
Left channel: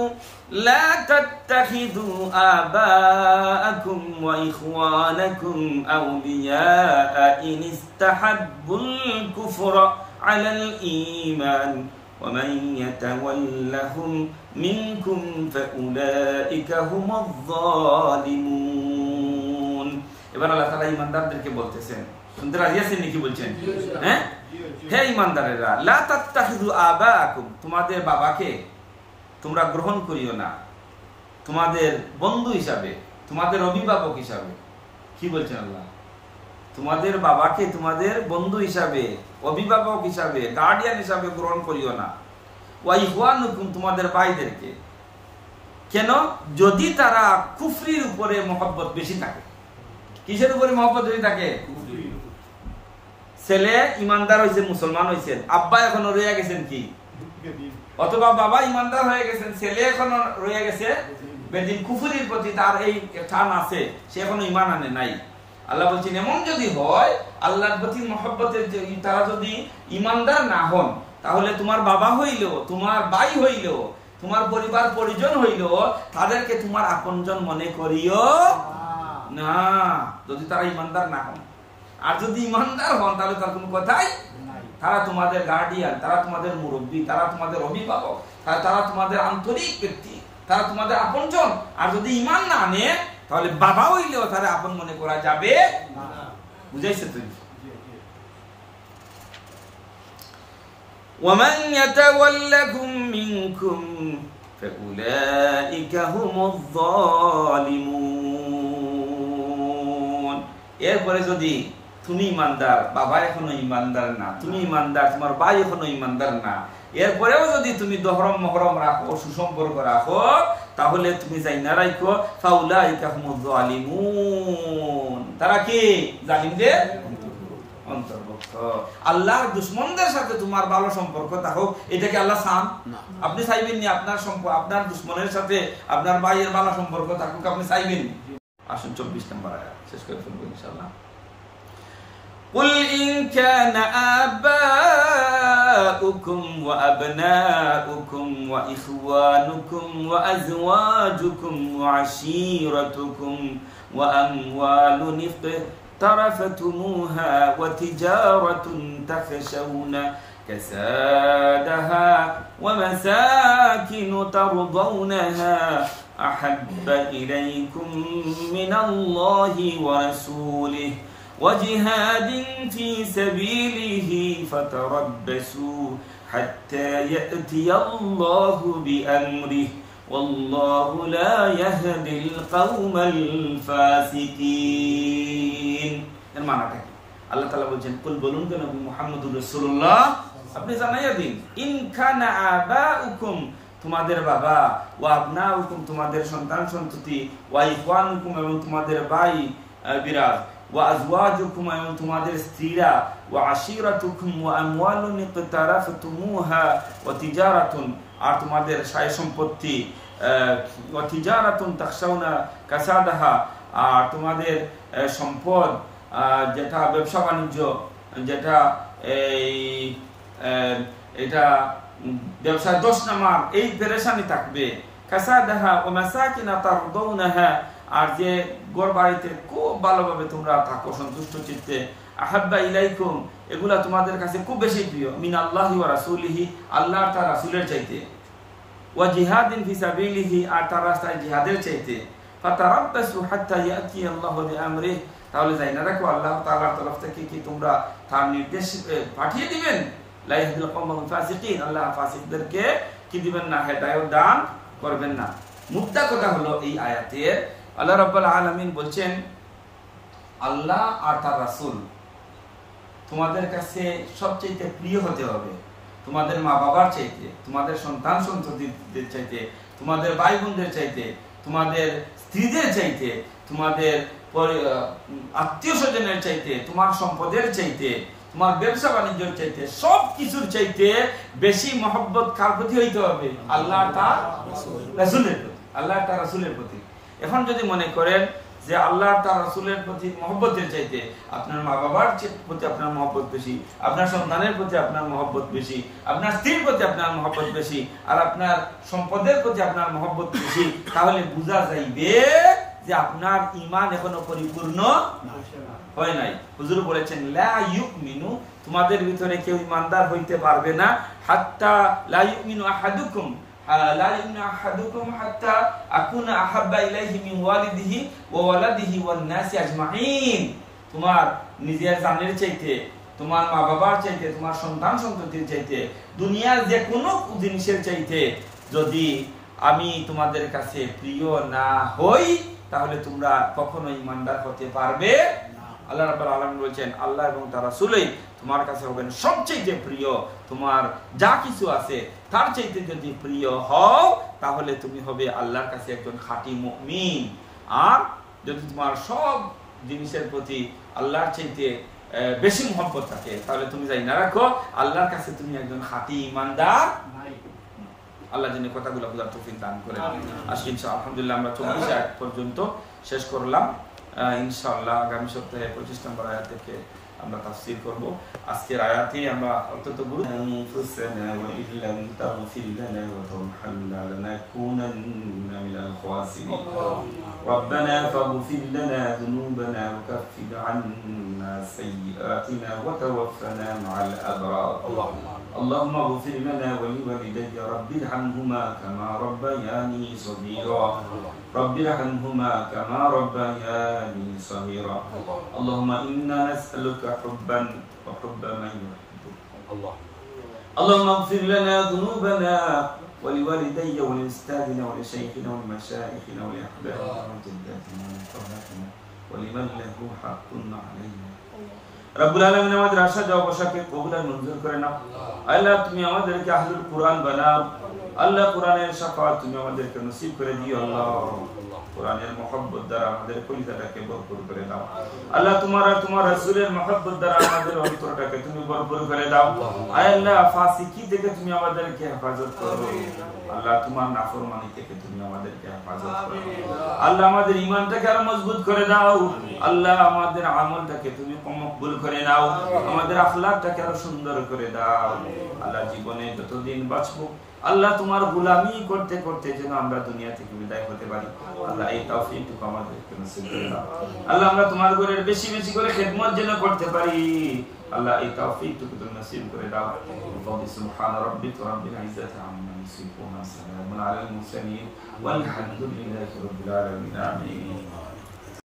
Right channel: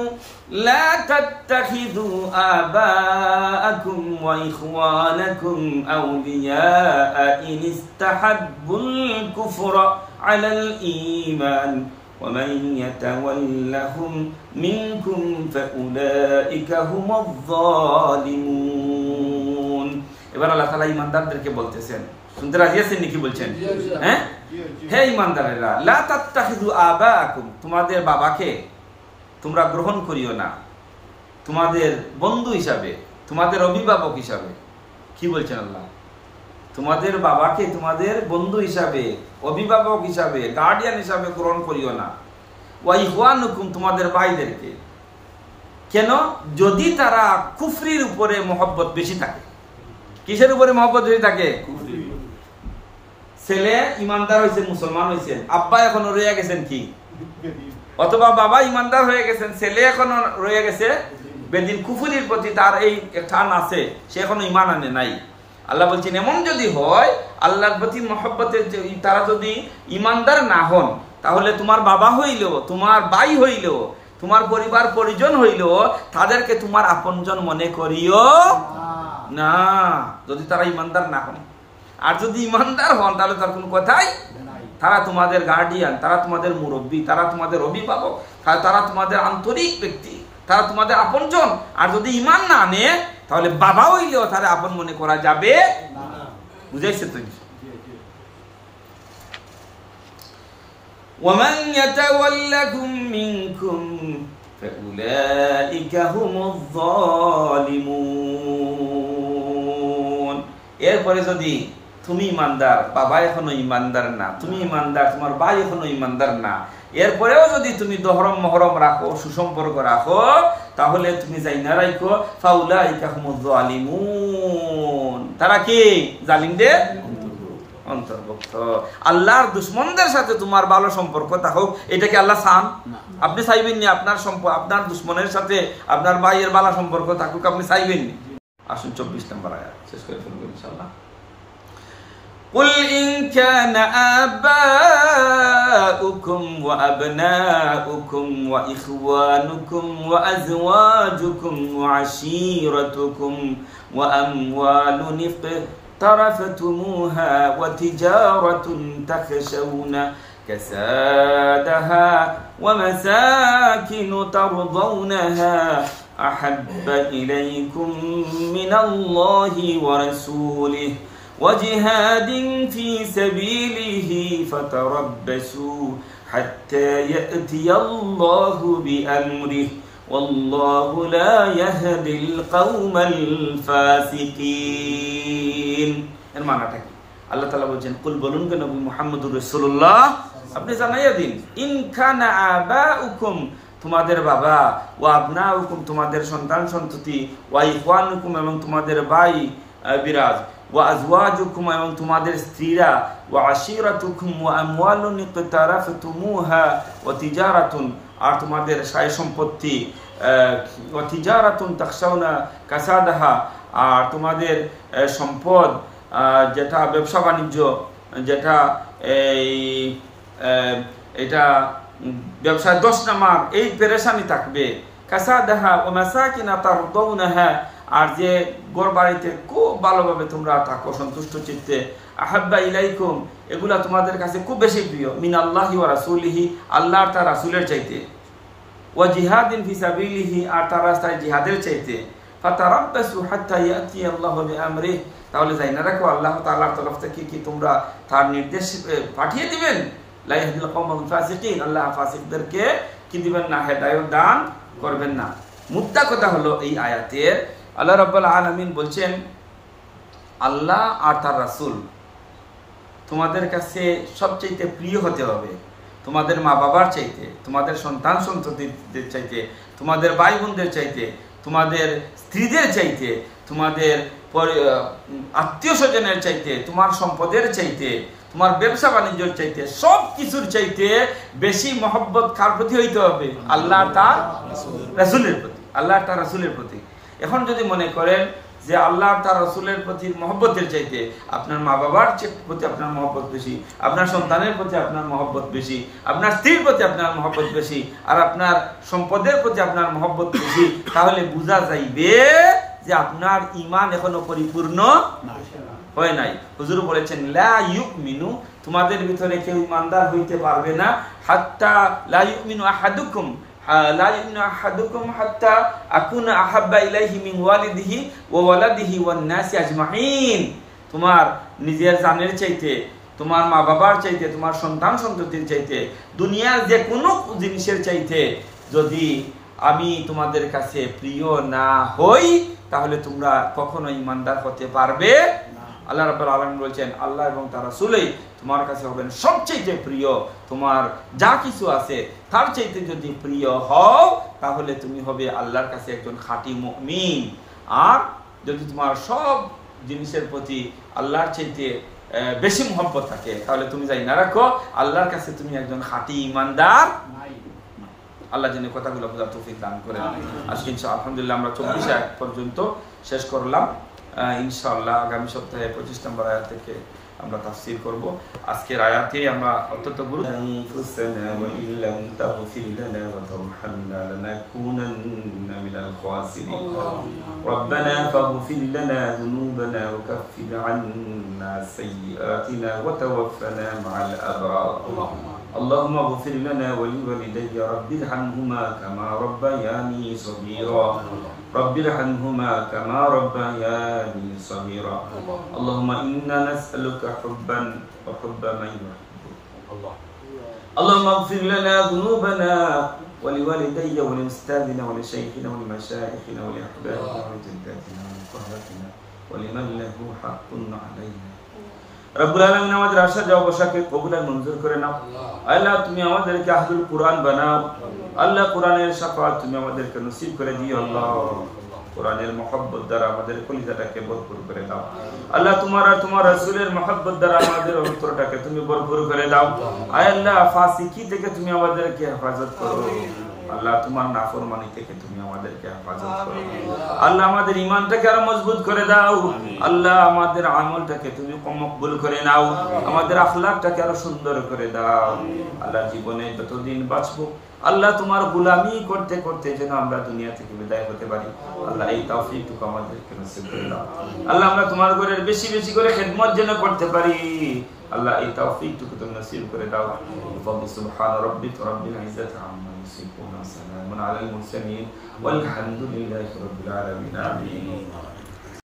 لا تتخذوا آباءكم وإخوانكم أولياء إن استحبوا الكفر على الإيمان ومن يتولهم منكم فأولئك هم الظالمون। এবার আল্লাহ তাআলা ঈমানদারদেরকে বলতেছেন, শুনতে রাজি আছেন নাকি? বলছেন হ্যাঁ, হে ঈমানদারেরা, লা তাত্তাখিযু আবাআকুম, তোমাদের বাবাকে তোমরা গ্রহণ করিও না, তোমাদের বন্ধু হিসাবে, তোমাদের অভিভাবক হিসাবে। কি বলছেন আল্লাহ? তোমাদের বাবাকে তোমাদের বন্ধু হিসাবে, অভিভাবক হিসাবে, গার্ডিয়ান হিসাবে গ্রহণ করিও না। ওয়া ইখওয়ানুকুম, তোমাদের ভাইদেরকে। কেন? যদি তারা কুফরির উপরে মহব্বত বেশি থাকে। কিসের উপরে মহব্বত বেশি থাকে? ছেলে ইমানদার হয়েছেন, মুসলমান হয়েছেন, আব্বা এখনো রয়ে গেছেন কি, অথবা বাবা ইমানদার হয়ে গেছেন, ছেলে এখনো রয়ে গেছে বেদিন, কুফরির প্রতি তার এই টান আছে, সে এখনো ইমান আনে নাই। আল্লাহ বলছেন এমন যদি হয়, আল্লাহর প্রতি মহব্বতের তারা যদি ইমানদার না হন, তাহলে তোমার বাবা হইল, তোমার ভাই হইল, তোমার পরিবার পরিজন হইল, তাদেরকে তোমার আপনজন মনে করিও না, যদি তারা ইমানদার না হন। আর যদি ইমানদার হন তাহলে তার কোনো কথাই, তারা তোমাদের গার্ডিয়ান, তারা তোমাদের মুরব্বী, তারা তোমাদের অভিভাবক, তারা তোমাদের আন্তরিক ব্যক্তি, তারা তোমাদের আপনজন। আর যদি ইমান না আনে তাহলে বাবা হইলেও তারা আপন মনে করা যাবে। বুঝাইছে তুই? وَمَنْ يَتَوَلَّكُمْ مِنْكُمْ فَأُولَئِكَ هُمُ الظَّالِمُونَ। এরপরে যদি তুমি ইমানদার, বাবা এখনো ইমানদার না, তুমি ইমানদার, তোমার ভাই এখনো ইমানদার না, এরপরেও যদি তুমি দহরম মহরম রাখো, সুসম্পর্ক রাখো, তাহলে তুমি যাই না রাখো ফাউলাইকা হুমুয যালিমুন, তারা কি? জালিমদের অন্তর্ভুক্ত। আল্লাহর দুশমনদের সাথে তোমার ভালো সম্পর্ক থাকুক, এটাকে আল্লাহ চান? আপনি চাইবেন নি আপনার আপনার দুশমনের সাথে আপনার ভাইয়ের ভালো সম্পর্ক থাকুক? আপনি চাইবেন নি? আসুন 24 নম্বর আয়াত শেষ করে ফেলবো ইনশাআল্লাহ। قل إن كان آباؤكم وأبناؤكم وإخوانكم وأزواجكم وعشيرتكم وأموال اقترفتموها وتجارة تخشون كسادها ومساكن ترضونها أحب إليكم من الله ورسوله وجهاد في سبيله فتربصوا حتى يأتي الله بأمره والله لا يهدي القوم الفاسقين। এর মানেটা কি? আল্লাহ তাআলা বলেন কুল, বলুন কে নবী মুহাম্মদুর রাসূলুল্লাহ, আপনি জানাইয়া দিন, ইন কানা আবাউকুম, তোমাদের বাবা, ওয়া আবনাউকুম, তোমাদের সন্তান সন্ততি, ওয়া ইখওয়ানুকুম, এবং তোমাদের ভাই বিরাজ, ওয়া আজওয়াজুকুম, এবং তোমাদের স্ত্রীরা, ওয়া আশিরাতুকুম ওয়া আমওয়ালুন ইকতারাফতুমুহা ওয়া তিজারাতুন, আর তোমাদের সায় সম্পত্তি, ওয়া তিজারাতুন তাখশাউনা কাসাদাহা, আর তোমাদের সম্পদ, যেটা ব্যবসা বাণিজ্য, যেটা এটা ব্যবসায় দোষ নামার এই পেরেশানি থাকবে, কাসাদাহা ওয়া মাসাকিনা তারদাউনাহা, আর যে ঘর বাড়িতে খুব ভালোভাবে তোমরা থাকো সন্তুষ্ট চিত্তে, আহাব্বা ইলাইকুম, এগুলা তোমাদের কাছে খুব বেশি প্রিয়, মিন আল্লাহি ওয়া রাসূলিহি, আল্লাহর তার রাসূলের চাইতে, ওয়া জিহাদিন ফি সাবিলিহি, আর তার রাস্তায় জিহাদের চাইতে, ফাতারাব্বাসু হাত্তা ইয়াতি আল্লাহু বিআমরিহি, তাহলে যাই না রাখো আল্লাহ তাআলার তরফ থেকে কি তোমরা তার নির্দেশ পাঠিয়ে দিবেন। লা ইয়াহদিল কওমাল ফাসিকিন, আল্লাহ ফাসিকদেরকে কি দিবেন না, হেদায়েত দান করবেন না। মুদ্দা কথা হলো এই আয়াতের আল্লাহ রাব্বুল আলামিন বলছেন আল্লাহ আর তার রাসূল তোমাদের কাছে সবচেয়ে প্রিয় হতে হবে, তোমাদের মা বাবার চাইতে, তোমাদের সন্তান সন্ততিদের চাইতে, তোমাদের ভাই বোনদের চাইতে, তোমাদের স্ত্রীদের চাইতে, তোমাদের আত্মীয় স্বজনের চাইতে, তোমার সম্পদের চাইতে, তোমার ব্যবসা বাণিজ্যের চাইতে, সব কিছুর চাইতে বেশি মহব্বত কার প্রতি হইতে হবে? আল্লাহ তার রাসূলের প্রতি, আল্লাহ তার রাসূলের প্রতি। এখন যদি মনে করেন যে আল্লাহ তার রাসূলের প্রতি মহব্বতের চাইতে আপনার মা বাবার প্রতি আপনার মহব্বত বেশি, আপনার সন্তানের প্রতি আপনার মহব্বত বেশি, আপনার স্ত্রীর প্রতি আপনার মহব্বত বেশি, আর আপনার সম্পদের প্রতি আপনার মহব্বত বেশি, তাহলে বোঝা যাইবে যে আপনার ঈমান এখনো পরিপূর্ণ হয় নাই। হুজুর বলেছেন লা ইউমিনু, তোমাদের ভিতরে কেউ ঈমানদার হইতে পারবে না, হাত্তা লা ইউমিনু আহাদুকুম, লা ইউমিনু আহাদুকুম হাত্তা আকুনা আহাব্বা ইলাইহি মিন ওয়ালিদিহি ওয়া ওয়ালাদিহি ওয়ান নাসি আজমাইন, তোমার নিজের জানের চাইতে, তোমার মা বাবার চাইতে, তোমার সন্তান সন্ততির চাইতে, দুনিয়ার যে কোনো জিনিসের চাইতে যদি আমি তোমাদের কাছে প্রিয় না হই, তাহলে তোমরা কখনো ঈমানদার হতে পারবে। আল্লাহ রাব্বুল আলামিন বলছেন, আল্লাহ এবং তার রাসূলই তোমার কাছে হবেন সবচেয়ে প্রিয়। তোমার যা কিছু আছে তার চাইতে যদি প্রিয় হও, তাহলে তুমি হবে আল্লাহর কাছে একজন খাঁটি মুমিন। আর যদি তোমার সব জিনিসের প্রতি আল্লাহর চাইতে বেশি মহব্বত থাকে, তাহলে তুমি যাই না রাখো আল্লাহর কাছে তুমি একজন খাঁটি ঈমানদার। আল্লাহ যেন কথাগুলো বোঝার তৌফিক দান করেন। আজকে ইনশাআল্লাহ আলহামদুলিল্লাহ আমরা 24 আয়াত পর্যন্ত শেষ করলাম। ইনশাআল্লাহ আগামী সপ্তাহে 25 নম্বর আয়াত থেকে আমরা তাফসীর করব। আজকের আয়াতে আমরা অত্যন্ত গুরুত্বপূর্ণ ওয়া ইল্লাম তাগফির লানা ওয়া তারহামনা লানাকুনান্না মিনাল খাসিরিন রব্বানা ফাগফির লানা যুনুবানা ওয়া কাফির আন্না সাইয়্যাতিনা ওয়া তাওফানা মা'আল আবরার اللهم اغفر لنا ولوالدي رب ارحمهما كما ربياني صغيرا رب ارحمهما كما ربياني صغيرا اللهم إنا نسألك حبا وحب من يحبك اللهم اغفر لنا ذنوبنا ولوالدي ولأستاذنا ولشيخنا ولمشايخنا ولأحبابنا ولجداتنا ولقهاتنا ولمن له حق علينا রব্বুল আলামিন আমাদের আশা যাওয়াকে কবুল আর মঞ্জুর করে নাও। আল্লাহ তুমি আমাদেরকে আহলুল কুরআন বানাও। আল্লাহ কোরআনের শাফাআত তুমি আমাদেরকে নসিব করে দিও। আল্লাহ কোরআনের মহব্বত দ্বারা আমাদের কলিজাটাকে ভরপুর করে দাও। আল্লাহ তোমার আর তোমার রাসূলের মহব্বত দ্বারা আমাদের অন্তরটাকে তুমি ভরপুর করে দাও। আয় আল্লাহ ফাসিকি থেকে তুমি আমাদেরকে হেফাজত করো। আল্লাহ তোমার নাফরমানি থেকে তুমি আমাদেরকে হেফাজত করো। আল্লাহ আমাদের ঈমানটাকে আরো মজবুত করে দাও। আল্লাহ আমাদের আমলটাকে তুমি মকবুল করে নাও। আমাদের আখলাকটাকে আরো সুন্দর করে দাও। আল্লাহ জীবনে যতদিন বাঁচবো আল্লাহ তোমার গোলামি করতে করতে যেন আমরা দুনিয়া থেকে বিদায় হতে পারি। আল্লাহ এই তৌফিকটুকু আমাদেরকে নসিব করে দাও। আল্লাহ আমরা তোমার ঘরের বেশি বেশি করে খিদমত যেন করতে পারি। আল্লাহ এই তৌফিকটুকু তুমি নসিব করে দাও। সুবহান রাব্বিকা রাব্বিল ইজ্জাতি আম্মা ইয়াসিফুন ওয়া সালামুন আলাল মুরসালিন ওয়ালহামদুলিল্লাহি রাব্বিল আলামিন। আমিন।